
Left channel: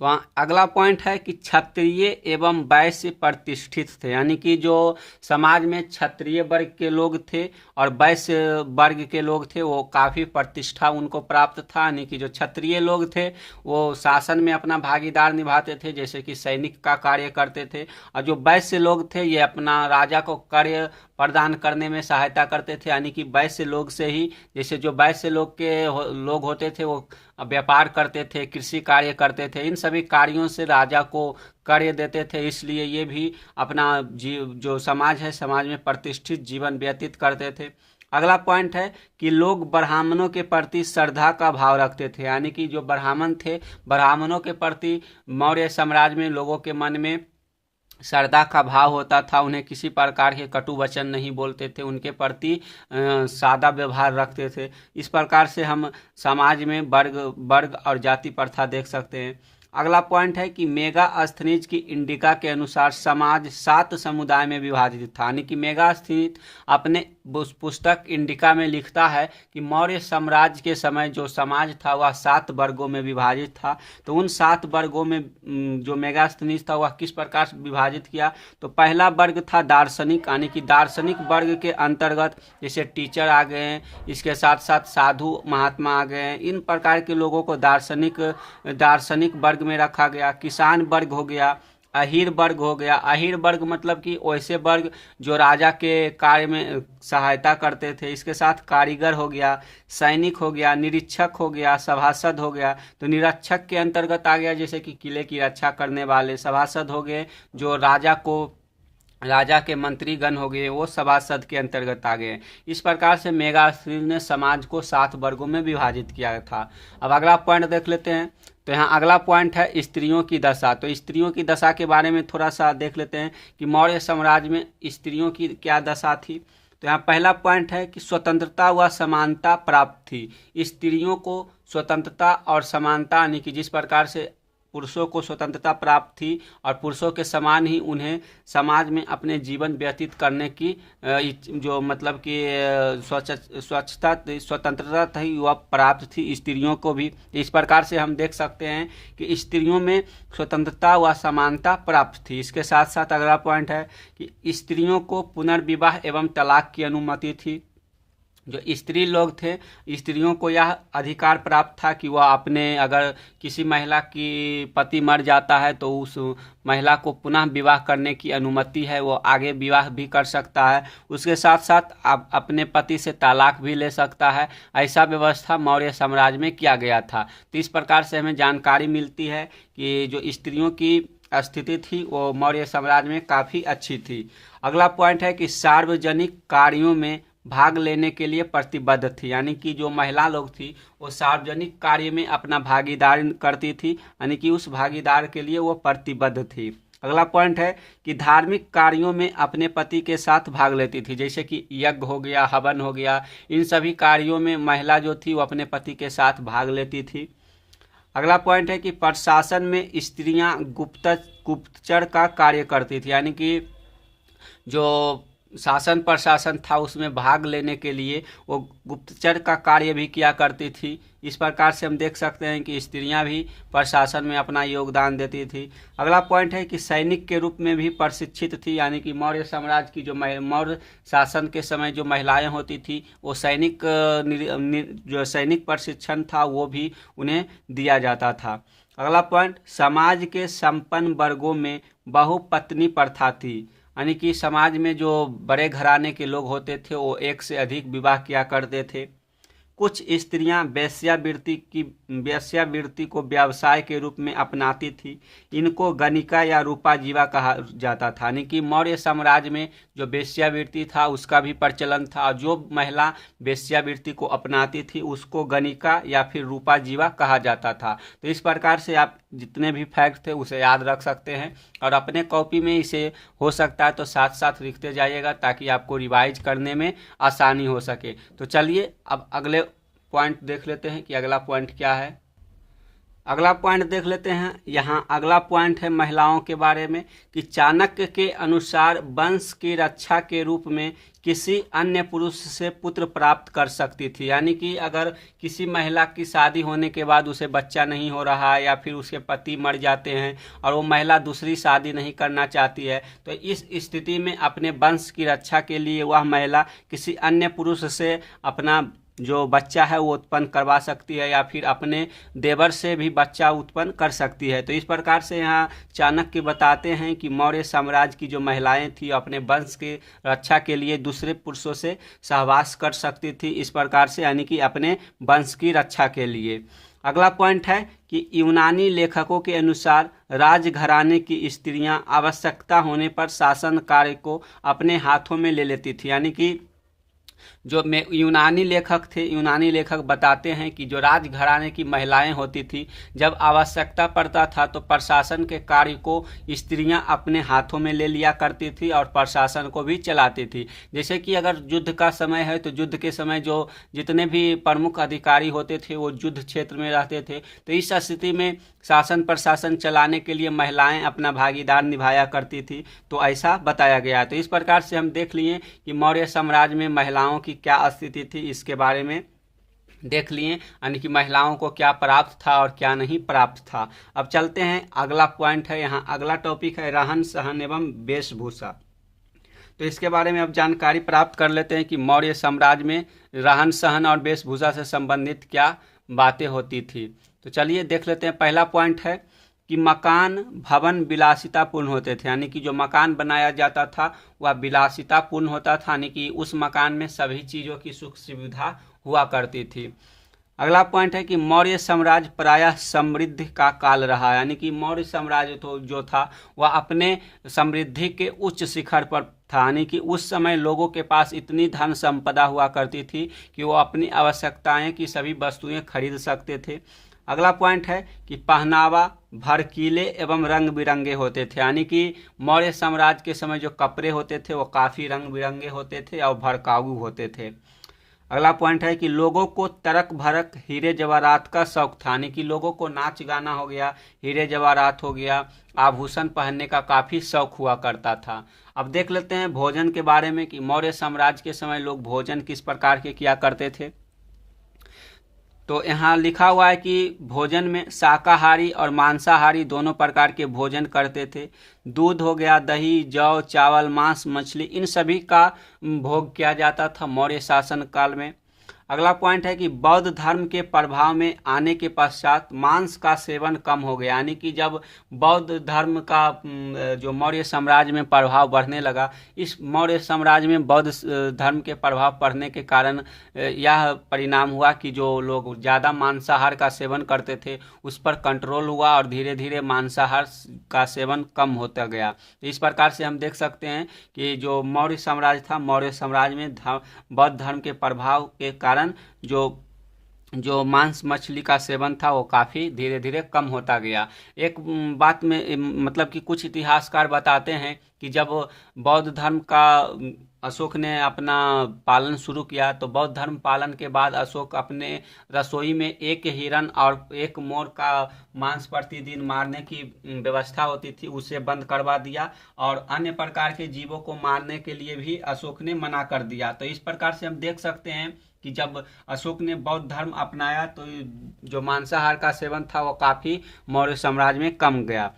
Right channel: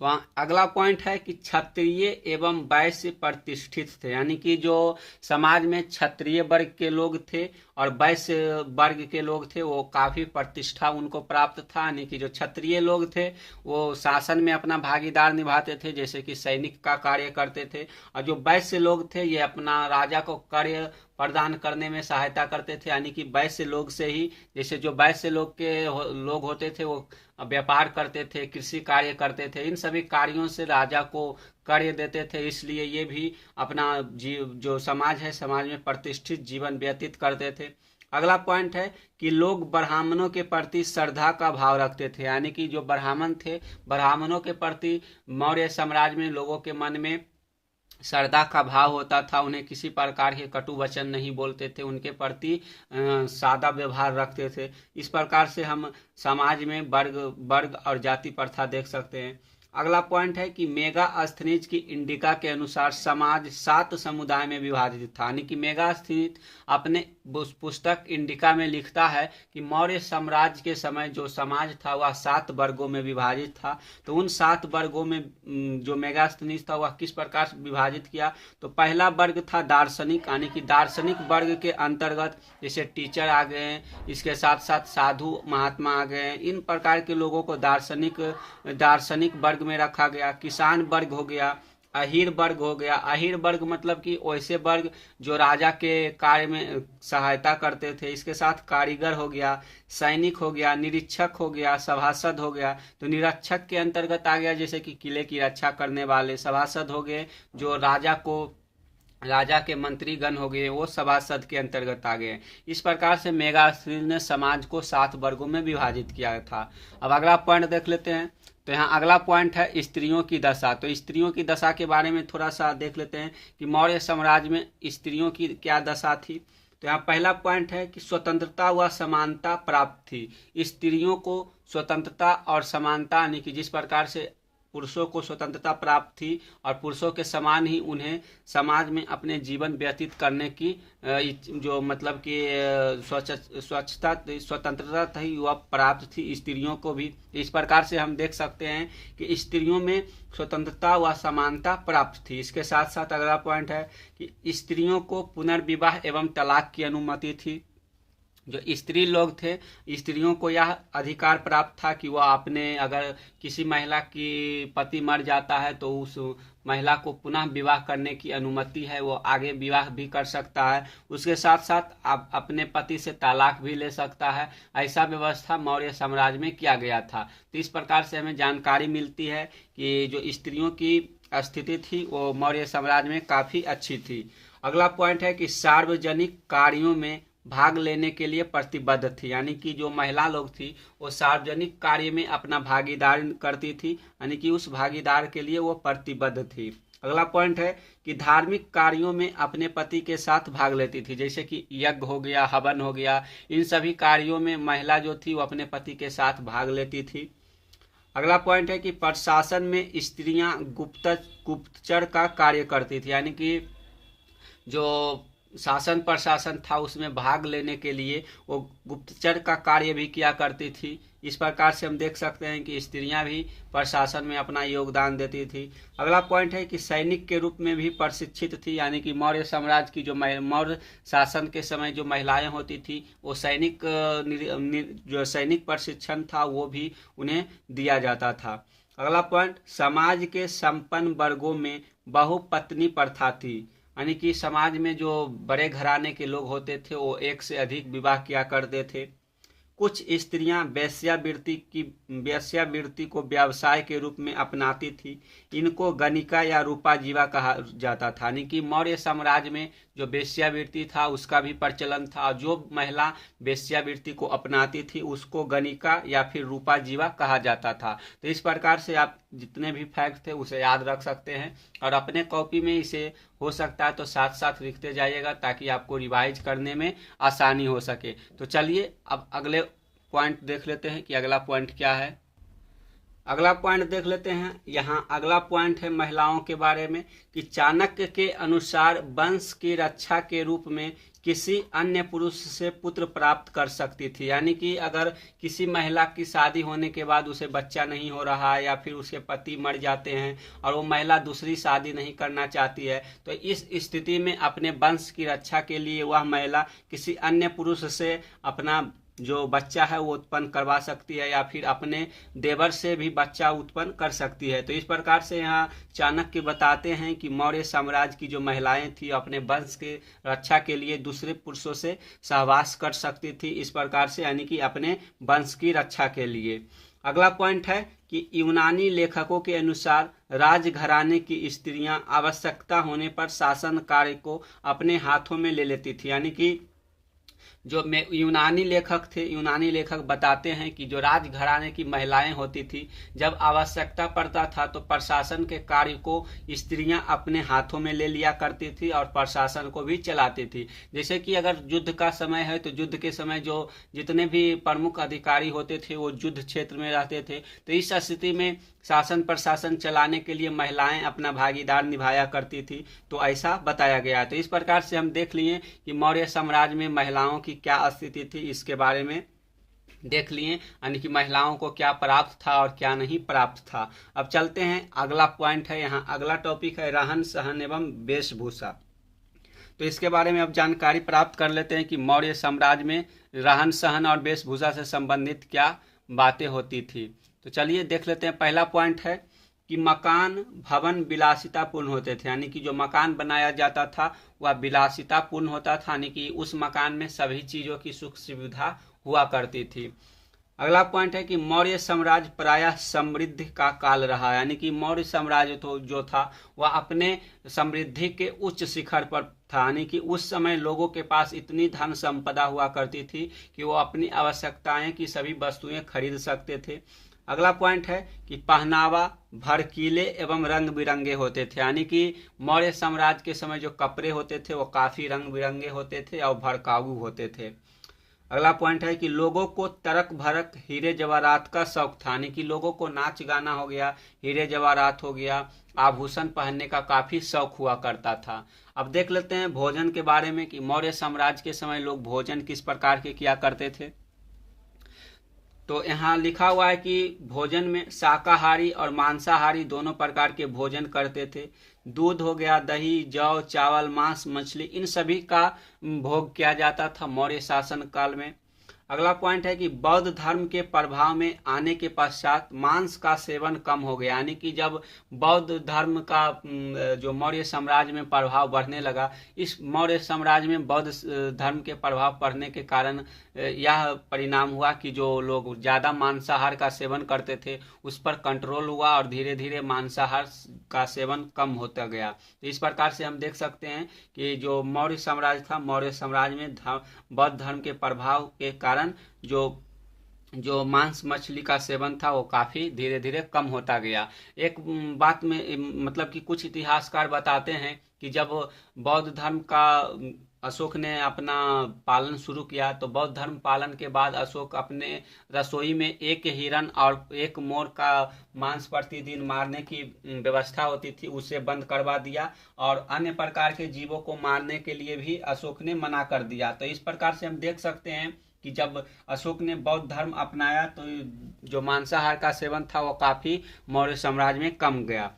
तो अगला पॉइंट है कि क्षत्रिय एवं वैश्य प्रतिष्ठित थे। यानी कि जो समाज में क्षत्रिय वर्ग के लोग थे और वैश्य वर्ग के लोग थे, वो काफी प्रतिष्ठा उनको प्राप्त था। यानी कि जो क्षत्रिय लोग थे वो शासन में अपना भागीदार निभाते थे, जैसे कि सैनिक का कार्य करते थे, और जो वैश्य लोग थे ये अपना राजा को कार्य प्रदान करने में सहायता करते थे। यानी कि वैश्य लोग से ही, जैसे जो वैश्य लोग होते थे वो व्यापार करते थे, कृषि कार्य करते थे, इन सभी कार्यों से राजा को कार्य देते थे। इसलिए ये भी अपना जो समाज है, समाज में प्रतिष्ठित जीवन व्यतीत करते थे। अगला पॉइंट है कि लोग ब्राह्मणों के प्रति श्रद्धा का भाव रखते थे। यानी कि जो ब्राह्मण थे, ब्राह्मणों के प्रति मौर्य साम्राज्य में लोगों के मन में श्रद्धा का भाव होता था। उन्हें किसी प्रकार के कटु वचन नहीं बोलते थे, उनके प्रति सादा व्यवहार रखते थे। इस प्रकार से हम समाज में वर्ग और जाति प्रथा देख सकते हैं। अगला पॉइंट है कि मेगास्थनीज की इंडिका के अनुसार समाज 7 समुदाय में विभाजित था। यानी कि मेगास्थनीज अपने पुस्तक इंडिका में लिखता है कि मौर्य साम्राज्य के समय जो समाज था वह 7 वर्गों में विभाजित था। तो उन 7 वर्गों में जो मेगास्थनीज था वह किस प्रकार से विभाजित किया, तो पहला वर्ग था दार्शनिक। यानी कि दार्शनिक वर्ग के अंतर्गत जैसे टीचर आ गए हैं, इसके साथ साथ साधु महात्मा आ गए हैं, इन प्रकार के लोगों को दार्शनिक वर्ग में रखा गया। किसान वर्ग हो गया, अहीर वर्ग हो गया। अहीर वर्ग मतलब कि वैसे वर्ग जो राजा के कार्य में सहायता करते थे। इसके साथ कारीगर हो गया, सैनिक हो गया, निरीक्षक हो गया, सभासद हो गया। तो निरीक्षक के अंतर्गत आ गया जैसे कि किले की रक्षा करने वाले। सभासद हो गए जो राजा के मंत्रीगण हो गए, वो सभासद के अंतर्गत आ गए। इस प्रकार से मेगास्थनीज ने समाज को 7 वर्गों में विभाजित किया था। अब अगला पॉइंट देख लेते हैं। तो यहाँ अगला पॉइंट है स्त्रियों की दशा। तो स्त्रियों की दशा के बारे में थोड़ा सा देख लेते हैं कि मौर्य साम्राज्य में स्त्रियों की क्या दशा थी। तो यहाँ पहला पॉइंट है कि स्वतंत्रता व समानता प्राप्त थी। स्त्रियों को स्वतंत्रता और समानता, यानी कि जिस प्रकार से पुरुषों को स्वतंत्रता प्राप्त थी और पुरुषों के समान ही उन्हें समाज में अपने जीवन व्यतीत करने की जो मतलब कि स्वतंत्रता थी वह प्राप्त थी स्त्रियों को भी। इस प्रकार से हम देख सकते हैं कि स्त्रियों में स्वतंत्रता व समानता प्राप्त थी। इसके साथ साथ अगला पॉइंट है कि स्त्रियों को पुनर्विवाह एवं तलाक की अनुमति थी। जो स्त्री लोग थे, स्त्रियों को यह अधिकार प्राप्त था कि वह अपने, अगर किसी महिला की पति मर जाता है तो उस महिला को पुनः विवाह करने की अनुमति है, वो आगे विवाह भी कर सकता है। उसके साथ साथ अपने पति से तलाक भी ले सकता है। ऐसा व्यवस्था मौर्य साम्राज्य में किया गया था। तो इस प्रकार से हमें जानकारी मिलती है कि जो स्त्रियों की स्थिति थी वो मौर्य साम्राज्य में काफ़ी अच्छी थी। अगला पॉइंट है कि सार्वजनिक कार्यों में भाग लेने के लिए प्रतिबद्ध थी। यानी कि जो महिला लोग थी वो सार्वजनिक कार्य में अपना भागीदार करती थी, यानी कि उस भागीदार के लिए वो प्रतिबद्ध थी। अगला पॉइंट है कि धार्मिक कार्यों में अपने पति के साथ भाग लेती थी, जैसे कि यज्ञ हो गया, हवन हो गया, इन सभी कार्यों में महिला जो थी वो अपने पति के साथ भाग लेती थी। अगला पॉइंट है कि प्रशासन में स्त्रियां गुप्तचर का कार्य करती थी। यानी कि जो शासन प्रशासन था उसमें भाग लेने के लिए वो गुप्तचर का कार्य भी किया करती थी। इस प्रकार से हम देख सकते हैं कि स्त्रियां भी प्रशासन में अपना योगदान देती थी। अगला पॉइंट है कि सैनिक के रूप में भी प्रशिक्षित थी। यानी कि मौर्य साम्राज्य की जो मौर्य शासन के समय जो महिलाएं होती थी वो जो सैनिक प्रशिक्षण था वो भी उन्हें दिया जाता था। अगला पॉइंट, समाज के संपन्न वर्गों में बहुपत्नी प्रथा थी। यानी कि समाज में जो बड़े घराने के लोग होते थे वो एक से अधिक विवाह किया करते थे। कुछ स्त्रियां वेश्यावृत्ति को व्यवसाय के रूप में अपनाती थी। इनको गणिका या रूपा जीवा कहा जाता था। यानी कि मौर्य साम्राज्य में जो वेश्यावृत्ति था उसका भी प्रचलन था। जो महिला वेश्यावृत्ति को अपनाती थी उसको गणिका या फिर रूपा जीवा कहा जाता था। तो इस प्रकार से आप जितने भी फैक्ट थे उसे याद रख सकते हैं और अपने कॉपी में इसे हो सकता है तो साथ साथ लिखते जाइएगा ताकि आपको रिवाइज करने में आसानी हो सके। तो चलिए अब अगले पॉइंट देख लेते हैं कि अगला पॉइंट क्या है। अगला पॉइंट देख लेते हैं। यहाँ अगला पॉइंट है महिलाओं के बारे में कि चाणक्य के अनुसार वंश की रक्षा के रूप में किसी अन्य पुरुष से पुत्र प्राप्त कर सकती थी। यानी कि अगर किसी महिला की शादी होने के बाद उसे बच्चा नहीं हो रहा है या फिर उसके पति मर जाते हैं और वो महिला दूसरी शादी नहीं करना चाहती है, तो इस स्थिति में अपने वंश की रक्षा के लिए वह महिला किसी अन्य पुरुष से अपना जो बच्चा है वो उत्पन्न करवा सकती है या फिर अपने देवर से भी बच्चा उत्पन्न कर सकती है। तो इस प्रकार से यहाँ चाणक्य बताते हैं कि मौर्य साम्राज्य की जो महिलाएं थी अपने वंश की रक्षा के लिए दूसरे पुरुषों से सहवास कर सकती थी, इस प्रकार से यानी कि अपने वंश की रक्षा के लिए। अगला पॉइंट है कि यूनानी लेखकों के अनुसार राजघराने की स्त्रियां आवश्यकता होने पर शासन कार्य को अपने हाथों में ले लेती थी। यानी कि जो यूनानी लेखक थे, यूनानी लेखक बताते हैं कि जो राजघराने की महिलाएं होती थी जब आवश्यकता पड़ता था तो प्रशासन के कार्य को स्त्रियां अपने हाथों में ले लिया करती थी और प्रशासन को भी चलाती थी। जैसे कि अगर युद्ध का समय है तो युद्ध के समय जो जितने भी प्रमुख अधिकारी होते थे वो युद्ध क्षेत्र में रहते थे, तो इस स्थिति में शासन प्रशासन चलाने के लिए महिलाएं अपना भागीदार निभाया करती थी। तो ऐसा बताया गया है। तो इस प्रकार से हम देख लिए कि मौर्य साम्राज्य में महिलाओं की क्या स्थिति थी, इसके बारे में देख लिए, यानी कि महिलाओं को क्या प्राप्त था और क्या नहीं प्राप्त था। अब चलते हैं अगला पॉइंट है। यहाँ अगला टॉपिक है रहन सहन एवं वेशभूषा। तो इसके बारे में अब जानकारी प्राप्त कर लेते हैं कि मौर्य साम्राज्य में रहन सहन और वेशभूषा से संबंधित क्या बातें होती थी। तो चलिए देख लेते हैं। पहला पॉइंट है कि मकान भवन विलासितापूर्ण होते थे। यानी कि जो मकान बनाया जाता था वह विलासितापूर्ण होता था, यानी कि उस मकान में सभी चीज़ों की सुख सुविधा हुआ करती थी। अगला पॉइंट है कि मौर्य साम्राज्य प्रायः समृद्धि का काल रहा। यानी कि मौर्य साम्राज्य जो था वह अपने समृद्धि के उच्च शिखर पर था। यानी कि उस समय लोगों के पास इतनी धन संपदा हुआ करती थी कि वो अपनी आवश्यकताएं की सभी वस्तुएं खरीद सकते थे। अगला पॉइंट है कि पहनावा भड़कीले एवं रंग बिरंगे होते थे। यानी कि मौर्य साम्राज्य के समय जो कपड़े होते थे वो काफ़ी रंग बिरंगे होते थे और भड़काऊ होते थे। अगला पॉइंट है कि लोगों को तरक भरक हीरे जवाहरात का शौक था। यानी कि लोगों को नाच गाना हो गया, हीरे जवाहरात हो गया, आभूषण पहनने का काफ़ी शौक हुआ करता था। अब देख लेते हैं भोजन के बारे में कि मौर्य साम्राज्य के समय लोग भोजन किस प्रकार के किया करते थे। तो यहाँ लिखा हुआ है कि भोजन में शाकाहारी और मांसाहारी दोनों प्रकार के भोजन करते थे। दूध हो गया, दही, जौ, चावल, मांस, मछली, इन सभी का भोग किया जाता था मौर्य शासन काल में। अगला पॉइंट है कि बौद्ध धर्म के प्रभाव में आने के पश्चात मांस का सेवन कम हो गया। यानी कि जब बौद्ध धर्म का जो मौर्य साम्राज्य में प्रभाव बढ़ने लगा, इस मौर्य साम्राज्य में बौद्ध धर्म के प्रभाव पड़ने के कारण यह परिणाम हुआ कि जो लोग ज़्यादा मांसाहार का सेवन करते थे उस पर कंट्रोल हुआ और धीरे धीरे मांसाहार का सेवन कम होता गया। तो इस प्रकार से हम देख सकते हैं कि जो मौर्य साम्राज्य था, मौर्य साम्राज्य में बौद्ध धर्म के प्रभाव के कारण जो मांस मछली का सेवन था वो काफ़ी धीरे धीरे कम होता गया। एक बात में मतलब कि कुछ इतिहासकार बताते हैं कि जब बौद्ध धर्म का अशोक ने अपना पालन शुरू किया तो बौद्ध धर्म पालन के बाद अशोक अपने रसोई में एक हिरन और एक मोर का मांस प्रतिदिन मारने की व्यवस्था होती थी उसे बंद करवा दिया और अन्य प्रकार के जीवों को मारने के लिए भी अशोक ने मना कर दिया। तो इस प्रकार से हम देख सकते हैं कि जब अशोक ने बौद्ध धर्म अपनाया तो जो मांसाहार का सेवन था वो काफ़ी मौर्य साम्राज्य में कम गया।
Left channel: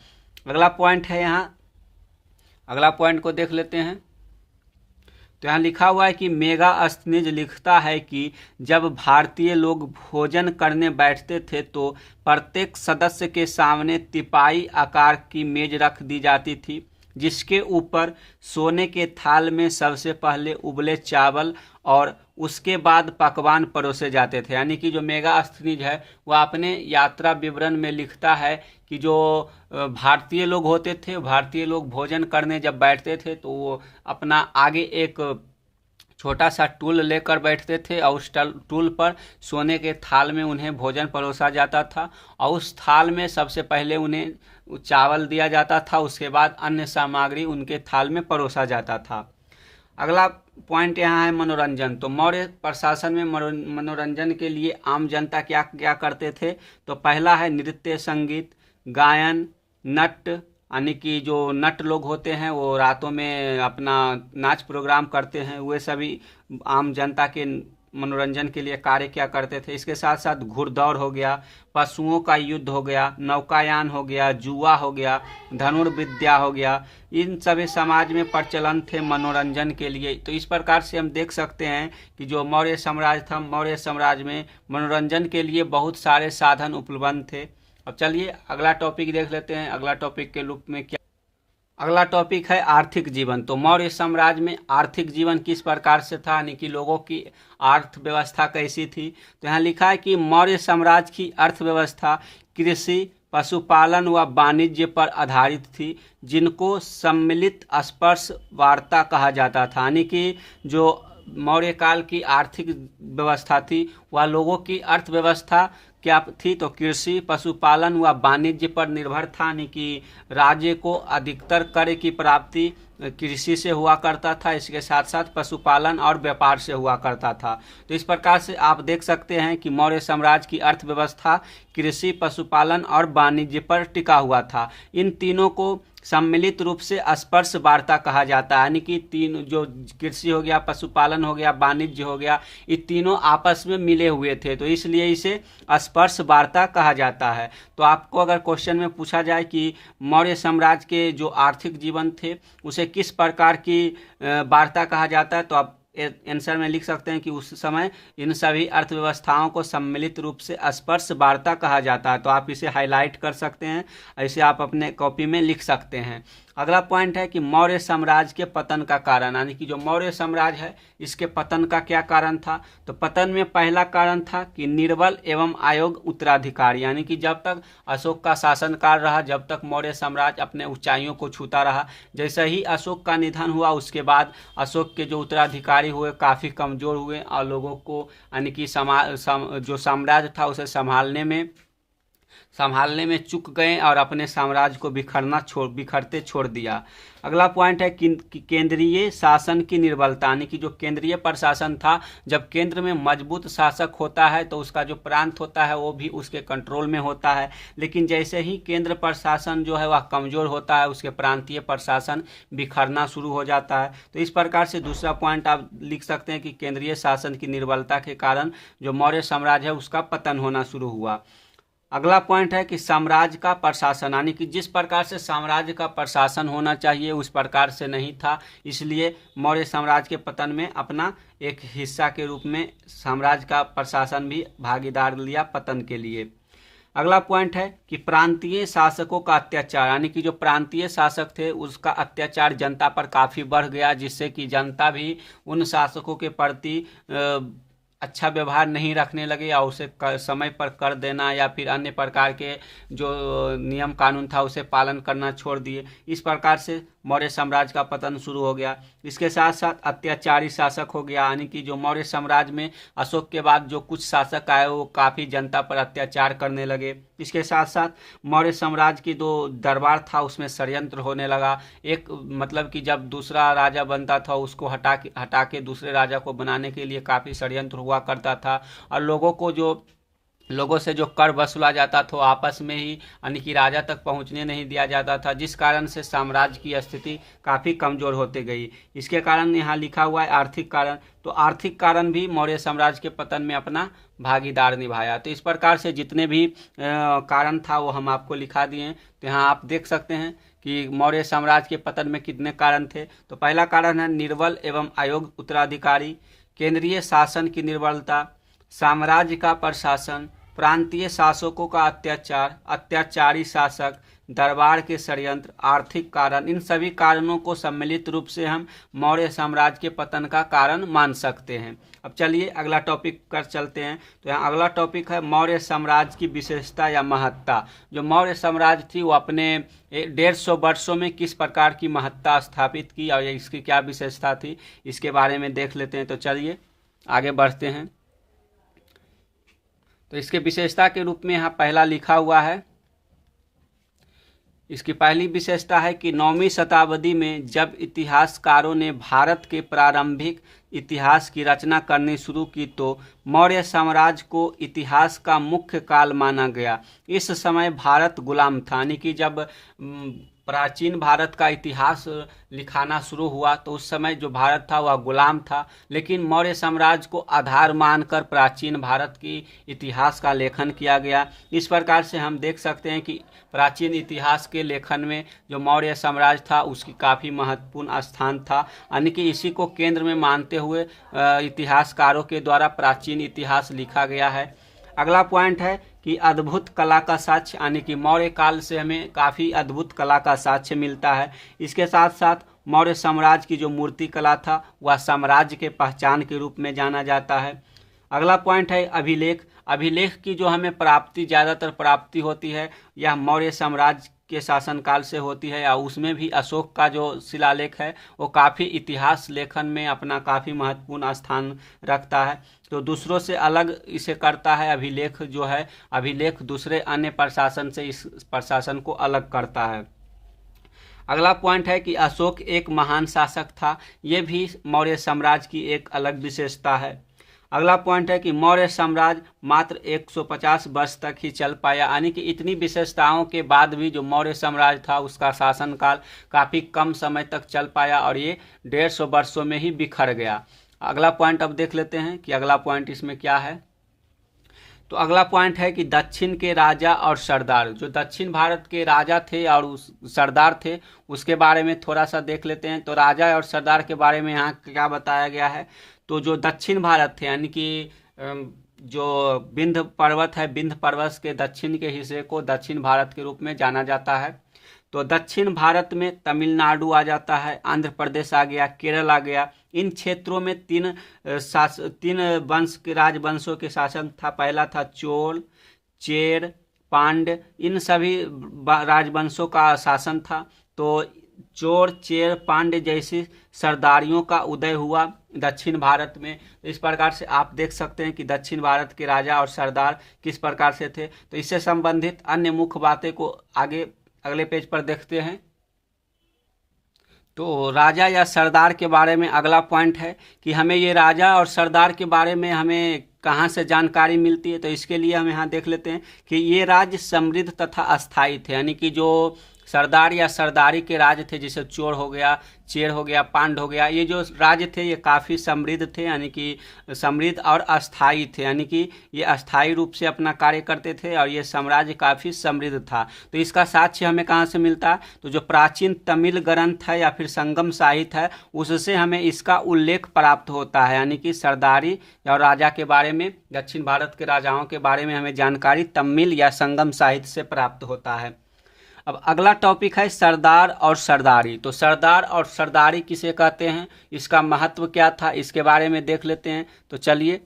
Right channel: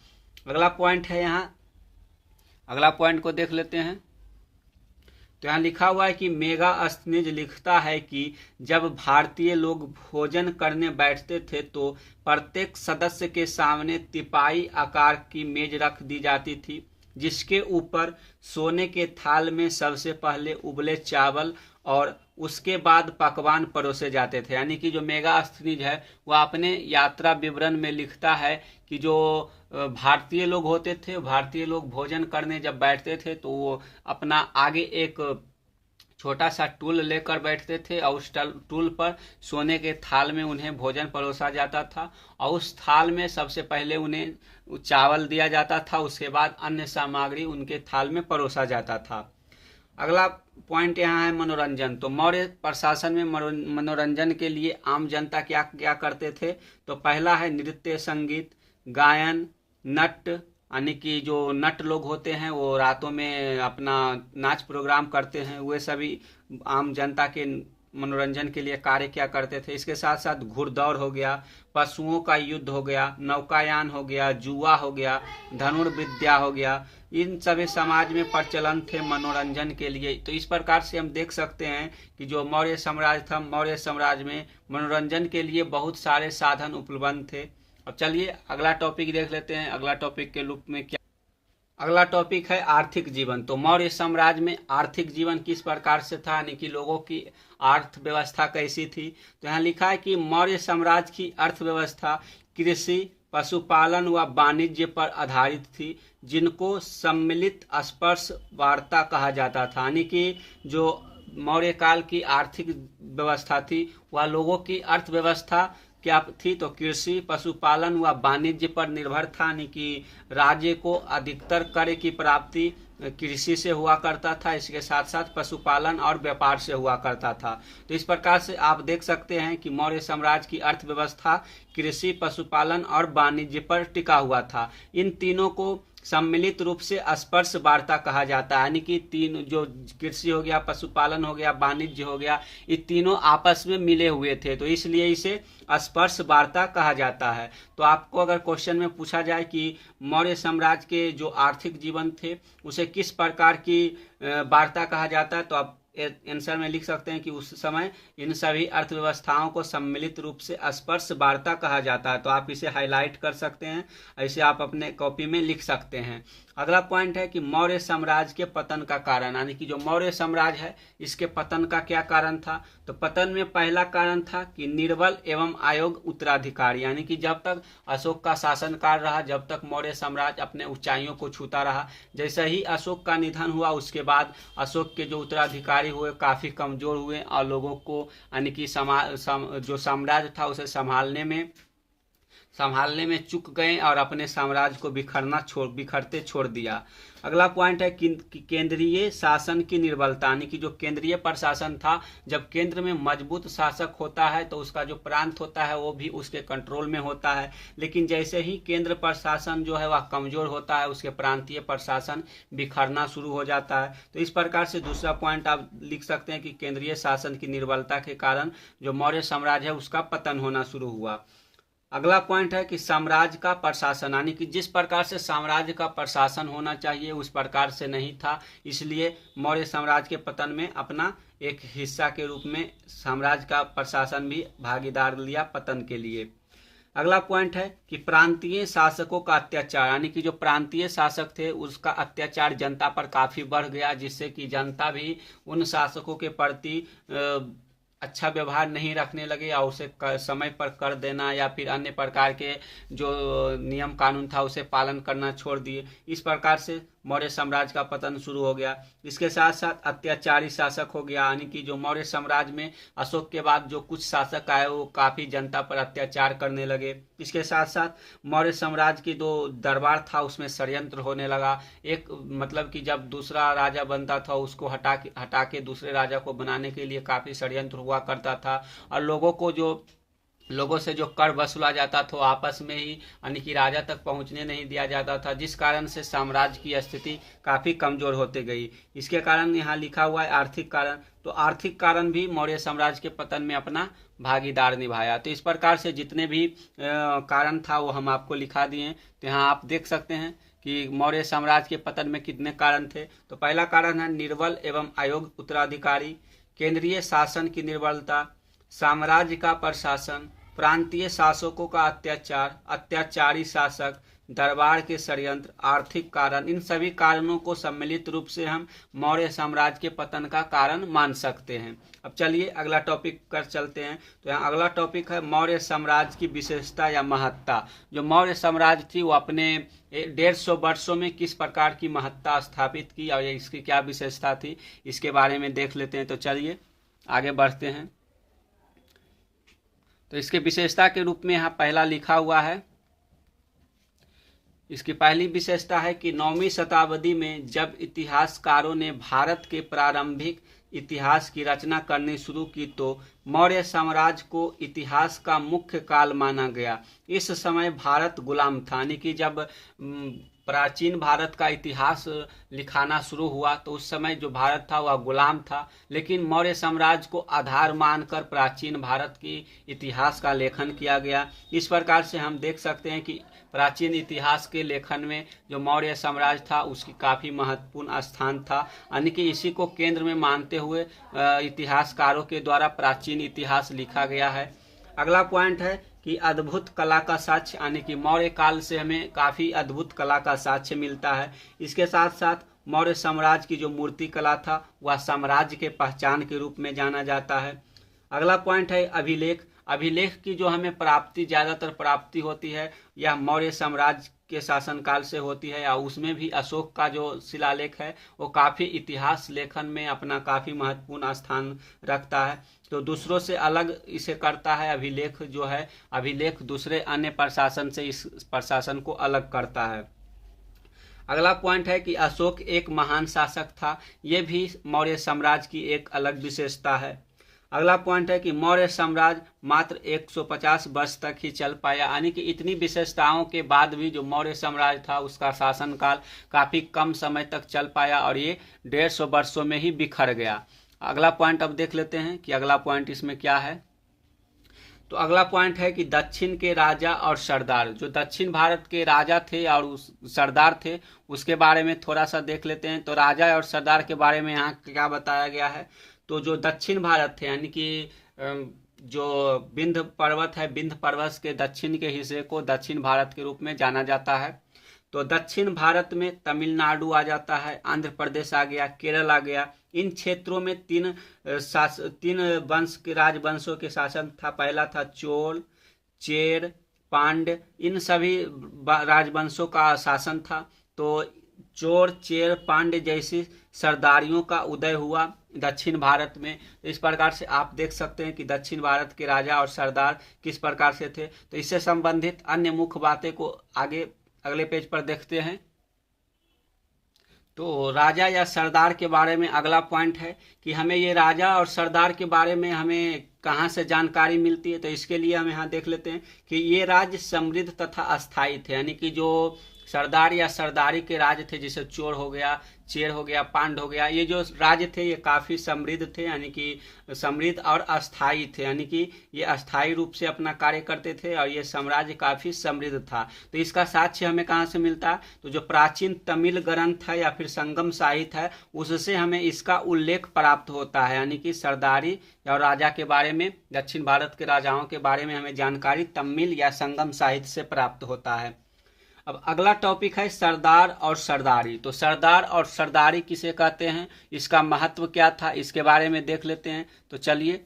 अगला पॉइंट है, यहाँ अगला पॉइंट को देख लेते हैं। तो यहाँ लिखा हुआ है कि मेगास्थनीज लिखता है कि जब भारतीय लोग भोजन करने बैठते थे तो प्रत्येक सदस्य के सामने तिपाई आकार की मेज रख दी जाती थी जिसके ऊपर सोने के थाल में सबसे पहले उबले चावल और उसके बाद पकवान परोसे जाते थे। यानी कि जो मेगास्थनीज है वह अपने यात्रा विवरण में लिखता है कि जो भारतीय लोग होते थे, भारतीय लोग भोजन करने जब बैठते थे तो वो अपना आगे एक छोटा सा टूल लेकर बैठते थे और उस टूल पर सोने के थाल में उन्हें भोजन परोसा जाता था और उस थाल में सबसे पहले उन्हें चावल दिया जाता था, उसके बाद अन्य सामग्री उनके थाल में परोसा जाता था। अगला पॉइंट यहाँ है मनोरंजन। तो मौर्य प्रशासन में मनोरंजन के लिए आम जनता क्या क्या करते थे। तो पहला है नृत्य, संगीत, गायन, नट, यानी कि जो नट लोग होते हैं वो रातों में अपना नाच प्रोग्राम करते हैं, वे सभी आम जनता के मनोरंजन के लिए कार्य क्या करते थे। इसके साथ साथ घुड़दौड़ हो गया, पशुओं का युद्ध हो गया, नौकायान हो गया, जुआ हो गया, धनुर्विद्या हो गया, इन सभी समाज में प्रचलन थे मनोरंजन के लिए। तो इस प्रकार से हम देख सकते हैं कि जो मौर्य साम्राज्य था, मौर्य साम्राज्य में मनोरंजन के लिए बहुत सारे साधन उपलब्ध थे। अब चलिए अगला टॉपिक देख लेते हैं। अगला टॉपिक के रूप में क्या, अगला टॉपिक है आर्थिक जीवन। तो मौर्य साम्राज्य में आर्थिक जीवन किस प्रकार से था, यानी कि लोगों की अर्थव्यवस्था कैसी थी। तो यहाँ लिखा है कि मौर्य साम्राज्य की अर्थव्यवस्था कृषि, पशुपालन व वाणिज्य पर आधारित थी, जिनको सम्मिलित स्पर्श वार्ता कहा जाता था। यानी कि जो मौर्य काल की आर्थिक व्यवस्था थी वह लोगों की अर्थव्यवस्था क्या थी, तो कृषि, पशुपालन व वाणिज्य पर निर्भर था। यानी कि राज्य को अधिकतर कर की प्राप्ति कृषि से हुआ करता था, इसके साथ साथ पशुपालन और व्यापार से हुआ करता था। तो इस प्रकार से आप देख सकते हैं कि मौर्य साम्राज्य की अर्थव्यवस्था कृषि, पशुपालन और वाणिज्य पर टिका हुआ था। इन तीनों को सम्मिलित रूप से स्पर्श वार्ता कहा जाता है। यानी कि तीन जो कृषि हो गया, पशुपालन हो गया, वाणिज्य हो गया, ये तीनों आपस में मिले हुए थे, तो इसलिए इसे स्पर्श वार्ता कहा जाता है। तो आपको अगर क्वेश्चन में पूछा जाए कि मौर्य साम्राज्य के जो आर्थिक जीवन थे उसे किस प्रकार की वार्ता कहा जाता है, तो आप आंसर में लिख सकते हैं कि उस समय इन सभी अर्थव्यवस्थाओं को सम्मिलित रूप से स्पर्श वार्ता कहा जाता है। तो आप इसे हाईलाइट कर सकते हैं, ऐसे आप अपने कॉपी में लिख सकते हैं। अगला पॉइंट है कि मौर्य साम्राज्य के पतन का कारण, यानी कि जो मौर्य साम्राज्य है इसके पतन का क्या कारण था। तो पतन में पहला कारण था कि निर्बल एवं अयोग्य उत्तराधिकारी, यानी कि जब तक अशोक का शासनकाल रहा, जब तक मौर्य साम्राज्य अपने ऊंचाइयों को छूता रहा, जैसे ही अशोक का निधन हुआ उसके बाद अशोक के जो उत्तराधिकारी हुए काफ़ी कमज़ोर हुए और लोगों को यानी कि जो साम्राज्य था उसे संभालने में चूक गए और अपने साम्राज्य को बिखरते छोड़ दिया। अगला पॉइंट है कि केंद्रीय शासन की निर्बलता, यानी कि जो केंद्रीय प्रशासन था, जब केंद्र में मजबूत शासक होता है तो उसका जो प्रांत होता है वो भी उसके कंट्रोल में होता है, लेकिन जैसे ही केंद्र प्रशासन जो है वह कमजोर होता है उसके प्रांतीय प्रशासन बिखरना शुरू हो जाता है। तो इस प्रकार से दूसरा पॉइंट आप लिख सकते हैं कि केंद्रीय शासन की निर्बलता के कारण जो मौर्य साम्राज्य है उसका पतन होना शुरू हुआ। अगला पॉइंट है कि साम्राज्य का प्रशासन, यानी कि जिस प्रकार से साम्राज्य का प्रशासन होना चाहिए उस प्रकार से नहीं था, इसलिए मौर्य साम्राज्य के पतन में अपना एक हिस्सा के रूप में साम्राज्य का प्रशासन भी भागीदार लिया पतन के लिए। अगला पॉइंट है कि प्रांतीय शासकों का अत्याचार, यानी कि जो प्रांतीय शासक थे उसका अत्याचार जनता पर काफ़ी बढ़ गया, जिससे कि जनता भी उन शासकों के प्रति अच्छा व्यवहार नहीं रखने लगे और उसे समय पर कर देना या फिर अन्य प्रकार के जो नियम कानून था उसे पालन करना छोड़ दिए। इस प्रकार से मौर्य साम्राज्य का पतन शुरू हो गया। इसके साथ साथ अत्याचारी शासक हो गया, यानी कि जो मौर्य साम्राज्य में अशोक के बाद जो कुछ शासक आए वो काफ़ी जनता पर अत्याचार करने लगे। इसके साथ साथ मौर्य साम्राज्य की जो दरबार था उसमें षड्यंत्र होने लगा। एक मतलब कि जब दूसरा राजा बनता था उसको हटा के दूसरे राजा को बनाने के लिए काफ़ी षड्यंत्र हुआ करता था और लोगों से जो कर वसूला जाता था आपस में ही यानी कि राजा तक पहुंचने नहीं दिया जाता था, जिस कारण से साम्राज्य की स्थिति काफ़ी कमज़ोर होती गई। इसके कारण यहाँ लिखा हुआ है आर्थिक कारण, तो आर्थिक कारण भी मौर्य साम्राज्य के पतन में अपना भागीदार निभाया। तो इस प्रकार से जितने भी कारण था वो हम आपको लिखा दिए। तो यहाँ आप देख सकते हैं कि मौर्य साम्राज्य के पतन में कितने कारण थे। तो पहला कारण है निर्बल एवं अयोग्य उत्तराधिकारी, केंद्रीय शासन की निर्बलता, साम्राज्य का प्रशासन, प्रांतीय शासकों का अत्याचार, अत्याचारी शासक, दरबार के षड्यंत्र, आर्थिक कारण, इन सभी कारणों को सम्मिलित रूप से हम मौर्य साम्राज्य के पतन का कारण मान सकते हैं। अब चलिए अगला टॉपिक कर चलते हैं। तो यहाँ अगला टॉपिक है मौर्य साम्राज्य की विशेषता या महत्ता। जो मौर्य साम्राज्य थी वो अपने 150 वर्षों में किस प्रकार की महत्ता स्थापित की और इसकी क्या विशेषता थी, इसके बारे में देख लेते हैं। तो चलिए आगे बढ़ते हैं। तो इसके विशेषता के रूप में यहाँ पहला लिखा हुआ है। इसकी पहली विशेषता है कि 9वीं शताब्दी में जब इतिहासकारों ने भारत के प्रारंभिक इतिहास की रचना करनी शुरू की तो मौर्य साम्राज्य को इतिहास का मुख्य काल माना गया। इस समय भारत गुलाम था, यानी कि जब प्राचीन भारत का इतिहास लिखाना शुरू हुआ तो उस समय जो भारत था वह गुलाम था, लेकिन मौर्य साम्राज्य को आधार मानकर प्राचीन भारत की इतिहास का लेखन किया गया। इस प्रकार से हम देख सकते हैं कि प्राचीन इतिहास के लेखन में जो मौर्य साम्राज्य था उसकी काफ़ी महत्वपूर्ण स्थान था, यानी कि इसी को केंद्र में मानते हुए इतिहासकारों के द्वारा प्राचीन इतिहास लिखा गया है। अगला पॉइंट है कि अद्भुत कला का साक्ष्य, यानी कि मौर्य काल से हमें काफ़ी अद्भुत कला का साक्ष्य मिलता है। इसके साथ साथ मौर्य साम्राज्य की जो मूर्ति कला था वह साम्राज्य के पहचान के रूप में जाना जाता है। अगला पॉइंट है अभिलेख। अभिलेख की जो हमें प्राप्ति ज़्यादातर प्राप्ति होती है यह मौर्य साम्राज्य के शासनकाल से होती है, और उसमें भी अशोक का जो शिलालेख है वो काफ़ी इतिहास लेखन में अपना काफ़ी महत्वपूर्ण स्थान रखता है। तो दूसरों से अलग इसे करता है अभिलेख जो है, अभिलेख दूसरे अन्य प्रशासन से इस प्रशासन को अलग करता है। अगला पॉइंट है कि अशोक एक महान शासक था, ये भी मौर्य साम्राज्य की एक अलग विशेषता है। अगला पॉइंट है कि मौर्य साम्राज्य मात्र 150 वर्ष तक ही चल पाया, यानी कि इतनी विशेषताओं के बाद भी जो मौर्य साम्राज्य था उसका शासनकाल काफ़ी कम समय तक चल पाया और ये 150 वर्षों में ही बिखर गया। अगला पॉइंट अब देख लेते हैं कि अगला पॉइंट इसमें क्या है। तो अगला पॉइंट है कि दक्षिण के राजा और सरदार, जो दक्षिण भारत के राजा थे और सरदार थे उसके बारे में थोड़ा सा देख लेते हैं। तो राजा और सरदार के बारे में यहाँ क्या बताया गया है। तो जो दक्षिण भारत थे, यानी कि जो विंध्य पर्वत है, विंध्य पर्वत के दक्षिण के हिस्से को दक्षिण भारत के रूप में जाना जाता है। तो दक्षिण भारत में तमिलनाडु आ जाता है, आंध्र प्रदेश आ गया, केरल आ गया। इन क्षेत्रों में तीन वंश के राजवंशों के शासन था। पहला था चोल, चेर, पांड्य, इन सभी राजवंशों का शासन था। तो चोर, चेर, पांड्य जैसी सरदारियों का उदय हुआ दक्षिण भारत में। इस प्रकार से आप देख सकते हैं कि दक्षिण भारत के राजा और सरदार किस प्रकार से थे। तो इससे संबंधित अन्य मुख्य बातें को आगे अगले पेज पर देखते हैं। तो राजा या सरदार के बारे में अगला पॉइंट है कि हमें ये राजा और सरदार के बारे में हमें कहाँ से जानकारी मिलती है। तो इसके लिए हम यहाँ देख लेते हैं कि ये राज्य समृद्ध तथा अस्थायी थे, यानी कि जो सरदार या सरदारी के राज्य थे जैसे चोर हो गया, चेर हो गया, पांड हो गया, ये जो राज्य थे ये काफ़ी समृद्ध थे, यानी कि समृद्ध और अस्थायी थे, यानी कि ये अस्थायी रूप से अपना कार्य करते थे और ये साम्राज्य काफ़ी समृद्ध था। तो इसका साक्ष्य हमें कहाँ से मिलता है। तो जो प्राचीन तमिल ग्रंथ है या फिर संगम साहित्य है उससे हमें इसका उल्लेख प्राप्त होता है, यानी कि सरदारी और राजा के बारे में, दक्षिण भारत के राजाओं के बारे में हमें जानकारी तमिल या संगम साहित्य से प्राप्त होता है। अब अगला टॉपिक है सरदार और सरदारी। तो सरदार और सरदारी किसे कहते हैं, इसका महत्व क्या था, इसके बारे में देख लेते हैं। तो चलिए,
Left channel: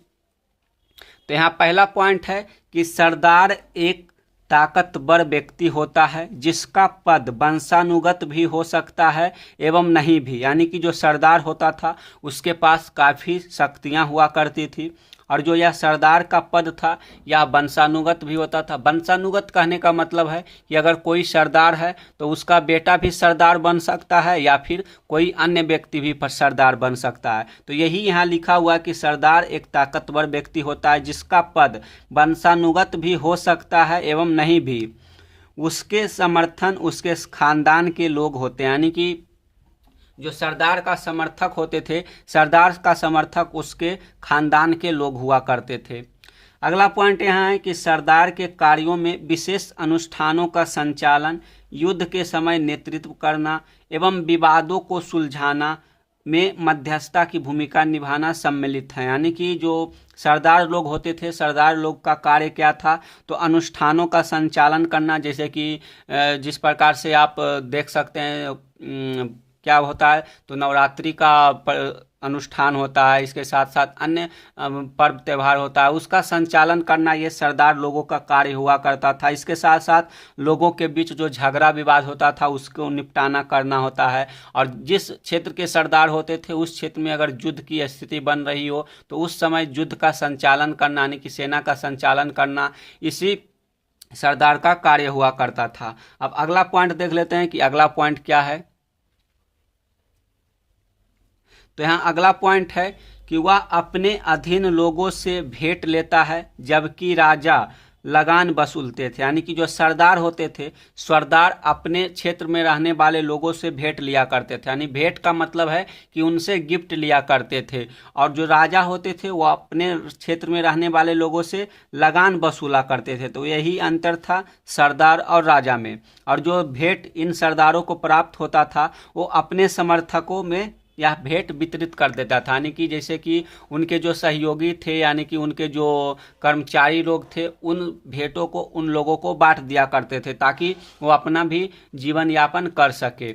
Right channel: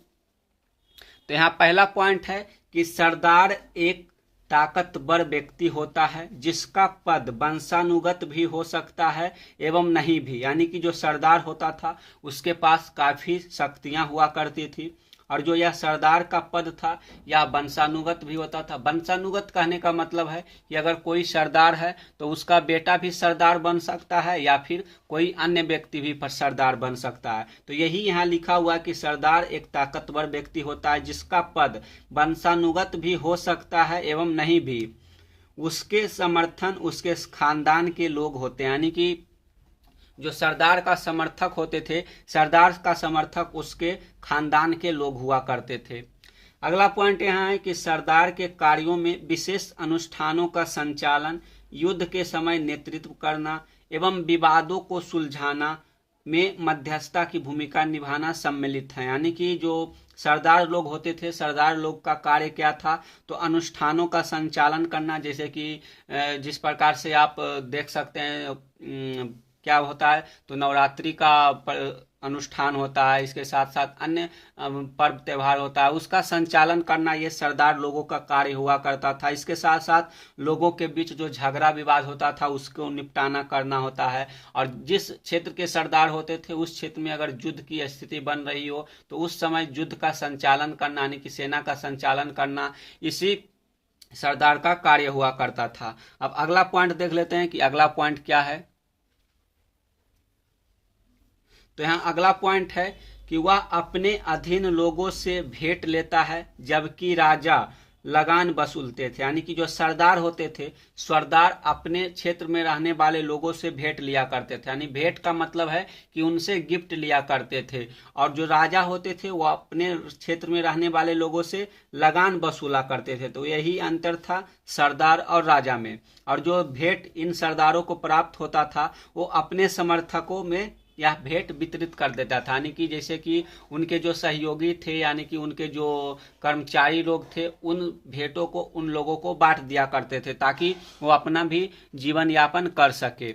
तो यहाँ पहला पॉइंट है कि सरदार एक ताकतवर व्यक्ति होता है जिसका पद वंशानुगत भी हो सकता है एवं नहीं भी, यानी कि जो सरदार होता था उसके पास काफ़ी शक्तियाँ हुआ करती थी, और जो यह सरदार का पद था यह वंशानुगत भी होता था। वंशानुगत कहने का मतलब है कि अगर कोई सरदार है तो उसका बेटा भी सरदार बन सकता है या फिर कोई अन्य व्यक्ति भी सरदार बन सकता है। तो यही यहाँ लिखा हुआ कि सरदार एक ताकतवर व्यक्ति होता है जिसका पद वंशानुगत भी हो सकता है एवं नहीं भी। उसके समर्थन उसके खानदान के लोग होते हैं, यानी कि जो सरदार का समर्थक होते थे, सरदार का समर्थक उसके खानदान के लोग हुआ करते थे। अगला पॉइंट यहाँ है कि सरदार के कार्यों में विशेष अनुष्ठानों का संचालन, युद्ध के समय नेतृत्व करना एवं विवादों को सुलझाना में मध्यस्थता की भूमिका निभाना सम्मिलित है। यानी कि जो सरदार लोग होते थे, सरदार लोग का कार्य क्या था, तो अनुष्ठानों का संचालन करना, जैसे कि जिस प्रकार से आप देख सकते हैं क्या होता है, तो नवरात्रि का अनुष्ठान होता है, इसके साथ साथ अन्य पर्व त्यौहार होता है, उसका संचालन करना ये सरदार लोगों का कार्य हुआ करता था। इसके साथ साथ लोगों के बीच जो झगड़ा विवाद होता था उसको निपटाना करना होता है। और जिस क्षेत्र के सरदार होते थे उस क्षेत्र में अगर युद्ध की स्थिति बन रही हो तो उस समय युद्ध का संचालन करना, यानी कि सेना का संचालन करना, इसी सरदार का कार्य हुआ करता था। अब अगला पॉइंट देख लेते हैं कि अगला पॉइंट क्या है। तो यहाँ अगला पॉइंट है कि वह अपने अधीन लोगों से भेंट लेता है जबकि राजा लगान वसूलते थे। यानी कि जो सरदार होते थे, सरदार अपने क्षेत्र में रहने वाले लोगों से भेंट लिया करते थे। यानी भेंट का मतलब है कि उनसे गिफ्ट लिया करते थे। और जो राजा होते थे वो अपने क्षेत्र में रहने वाले लोगों से लगान वसूला करते थे। तो यही अंतर था सरदार और राजा में। और जो भेंट इन सरदारों को प्राप्त होता था वो अपने समर्थकों में यह भेंट वितरित कर देता था। यानी कि जैसे कि उनके जो सहयोगी थे, यानी कि उनके जो कर्मचारी लोग थे, उन भेंटों को उन लोगों को बांट दिया करते थे ताकि वो अपना भी जीवन यापन कर सके।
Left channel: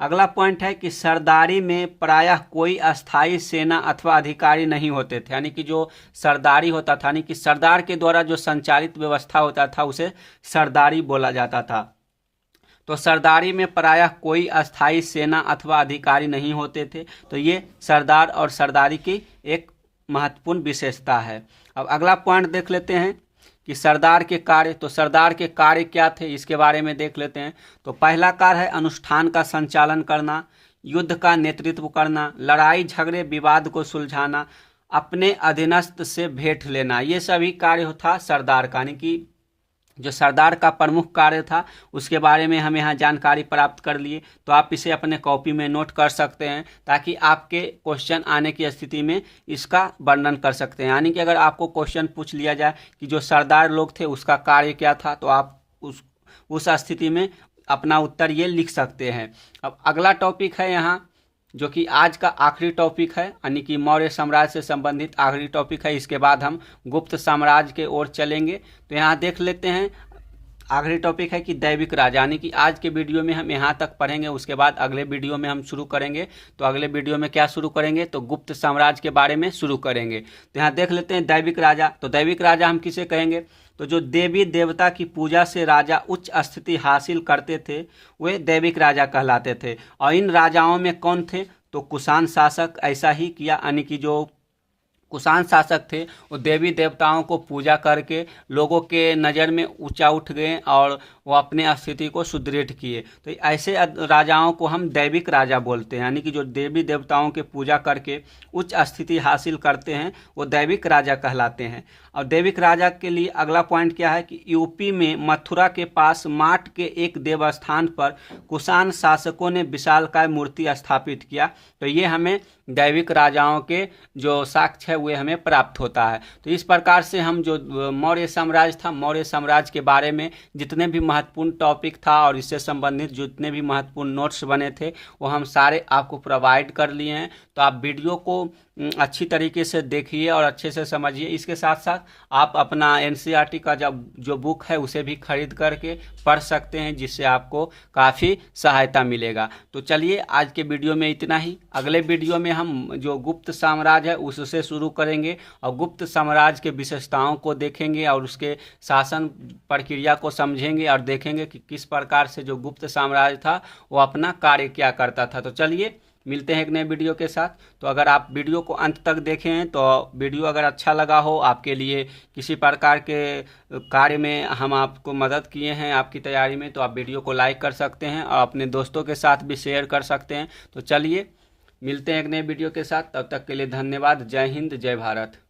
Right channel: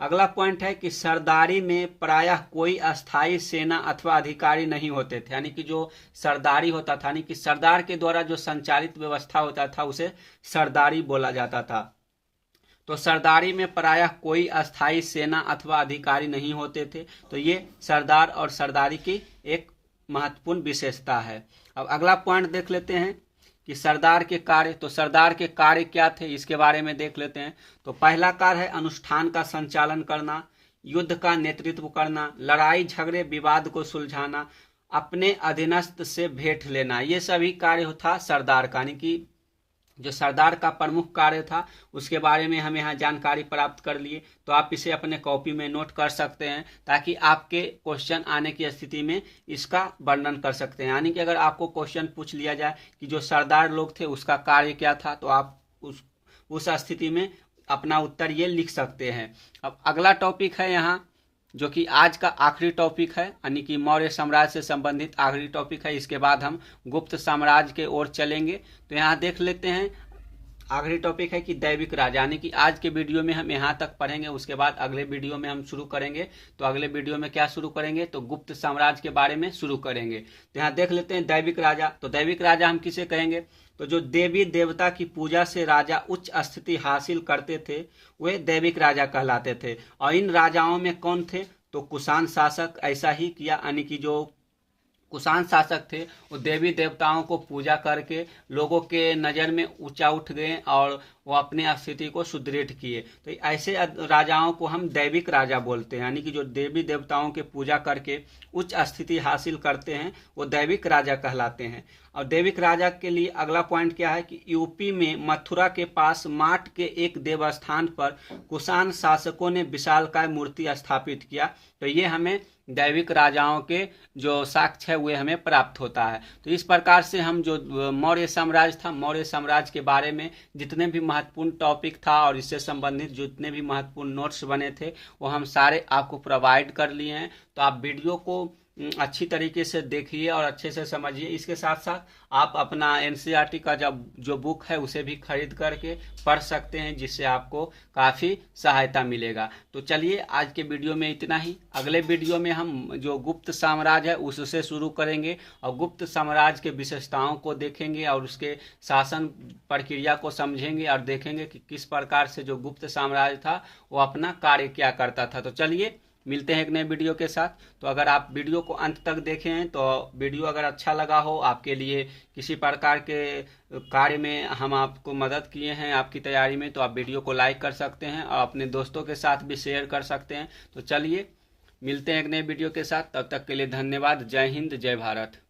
अगला पॉइंट है कि सरदारी में प्रायः कोई अस्थाई सेना अथवा अधिकारी नहीं होते थे। यानी कि जो सरदारी होता था, यानी कि सरदार के द्वारा जो संचालित व्यवस्था होता था उसे सरदारी बोला जाता था। तो सरदारी में प्रायः कोई अस्थाई सेना अथवा अधिकारी नहीं होते थे। तो ये सरदार और सरदारी की एक महत्वपूर्ण विशेषता है। अब अगला पॉइंट देख लेते हैं कि सरदार के कार्य। तो सरदार के कार्य क्या थे इसके बारे में देख लेते हैं। तो पहला कार्य है अनुष्ठान का संचालन करना, युद्ध का नेतृत्व करना, लड़ाई झगड़े विवाद को सुलझाना, अपने अधीनस्थ से भेंट लेना। ये सभी कार्य था सरदार का। यानी कि जो सरदार का प्रमुख कार्य था उसके बारे में हम यहाँ जानकारी प्राप्त कर लिए। तो आप इसे अपने कॉपी में नोट कर सकते हैं ताकि आपके क्वेश्चन आने की स्थिति में इसका वर्णन कर सकते हैं। यानी कि अगर आपको क्वेश्चन पूछ लिया जाए कि जो सरदार लोग थे उसका कार्य क्या था, तो आप उस स्थिति में अपना उत्तर ये लिख सकते हैं। अब अगला टॉपिक है यहाँ जो कि आज का आखिरी टॉपिक है, यानी कि मौर्य साम्राज्य से संबंधित आखिरी टॉपिक है। इसके बाद हम गुप्त साम्राज्य के ओर चलेंगे। तो यहाँ देख लेते हैं आखिरी टॉपिक है कि दैविक राजा। यानी कि आज के वीडियो में हम यहाँ तक पढ़ेंगे, उसके बाद अगले वीडियो में हम शुरू करेंगे। तो अगले वीडियो में क्या शुरू करेंगे, तो गुप्त साम्राज्य के बारे में शुरू करेंगे। तो यहाँ देख लेते हैं दैविक राजा। तो दैविक राजा हम किसे कहेंगे, तो जो देवी देवता की पूजा से राजा उच्च स्थिति हासिल करते थे वे दैविक राजा कहलाते थे। और इन राजाओं में कौन थे, तो कुषाण शासक ऐसा ही किया। यानी कि जो कुषाण शासक थे वो देवी देवताओं को पूजा करके लोगों के नज़र में ऊंचा उठ गए और वो अपने स्थिति को सुदृढ़ किए। तो ऐसे राजाओं को हम दैविक राजा बोलते हैं। यानी कि जो देवी देवताओं के पूजा करके उच्च स्थिति हासिल करते हैं वो दैविक राजा कहलाते हैं। और दैविक राजा के लिए अगला पॉइंट क्या है कि यूपी में मथुरा के पास माट के एक देवस्थान पर कुषाण शासकों ने विशालकाय मूर्ति स्थापित किया। तो ये हमें दैविक राजाओं के जो साक्ष्य है वे हमें प्राप्त होता है। तो इस प्रकार से हम जो मौर्य साम्राज्य था, मौर्य साम्राज्य के बारे में जितने भी महत्वपूर्ण टॉपिक था और इससे संबंधित जितने भी महत्वपूर्ण नोट्स बने थे वो हम सारे आपको प्रोवाइड कर लिए हैं। तो आप वीडियो को अच्छी तरीके से देखिए और अच्छे से समझिए। इसके साथ साथ आप अपना एनसीईआरटी का जो बुक है उसे भी खरीद करके पढ़ सकते हैं, जिससे आपको काफ़ी सहायता मिलेगा। तो चलिए आज के वीडियो में इतना ही। अगले वीडियो में हम जो गुप्त साम्राज्य है उससे शुरू करेंगे और गुप्त साम्राज्य के विशेषताओं को देखेंगे और उसके शासन प्रक्रिया को समझेंगे और देखेंगे कि किस प्रकार से जो गुप्त साम्राज्य था वो अपना कार्य क्या करता था। तो चलिए मिलते हैं एक नए वीडियो के साथ। तो अगर आप वीडियो को अंत तक देखें हैं तो वीडियो अगर अच्छा लगा हो, आपके लिए किसी प्रकार के कार्य में हम आपको मदद किए हैं आपकी तैयारी में, तो आप वीडियो को लाइक कर सकते हैं और अपने दोस्तों के साथ भी शेयर कर सकते हैं। तो चलिए मिलते हैं एक नए वीडियो के साथ, तब तक के लिए धन्यवाद। जय हिंद, जय भारत।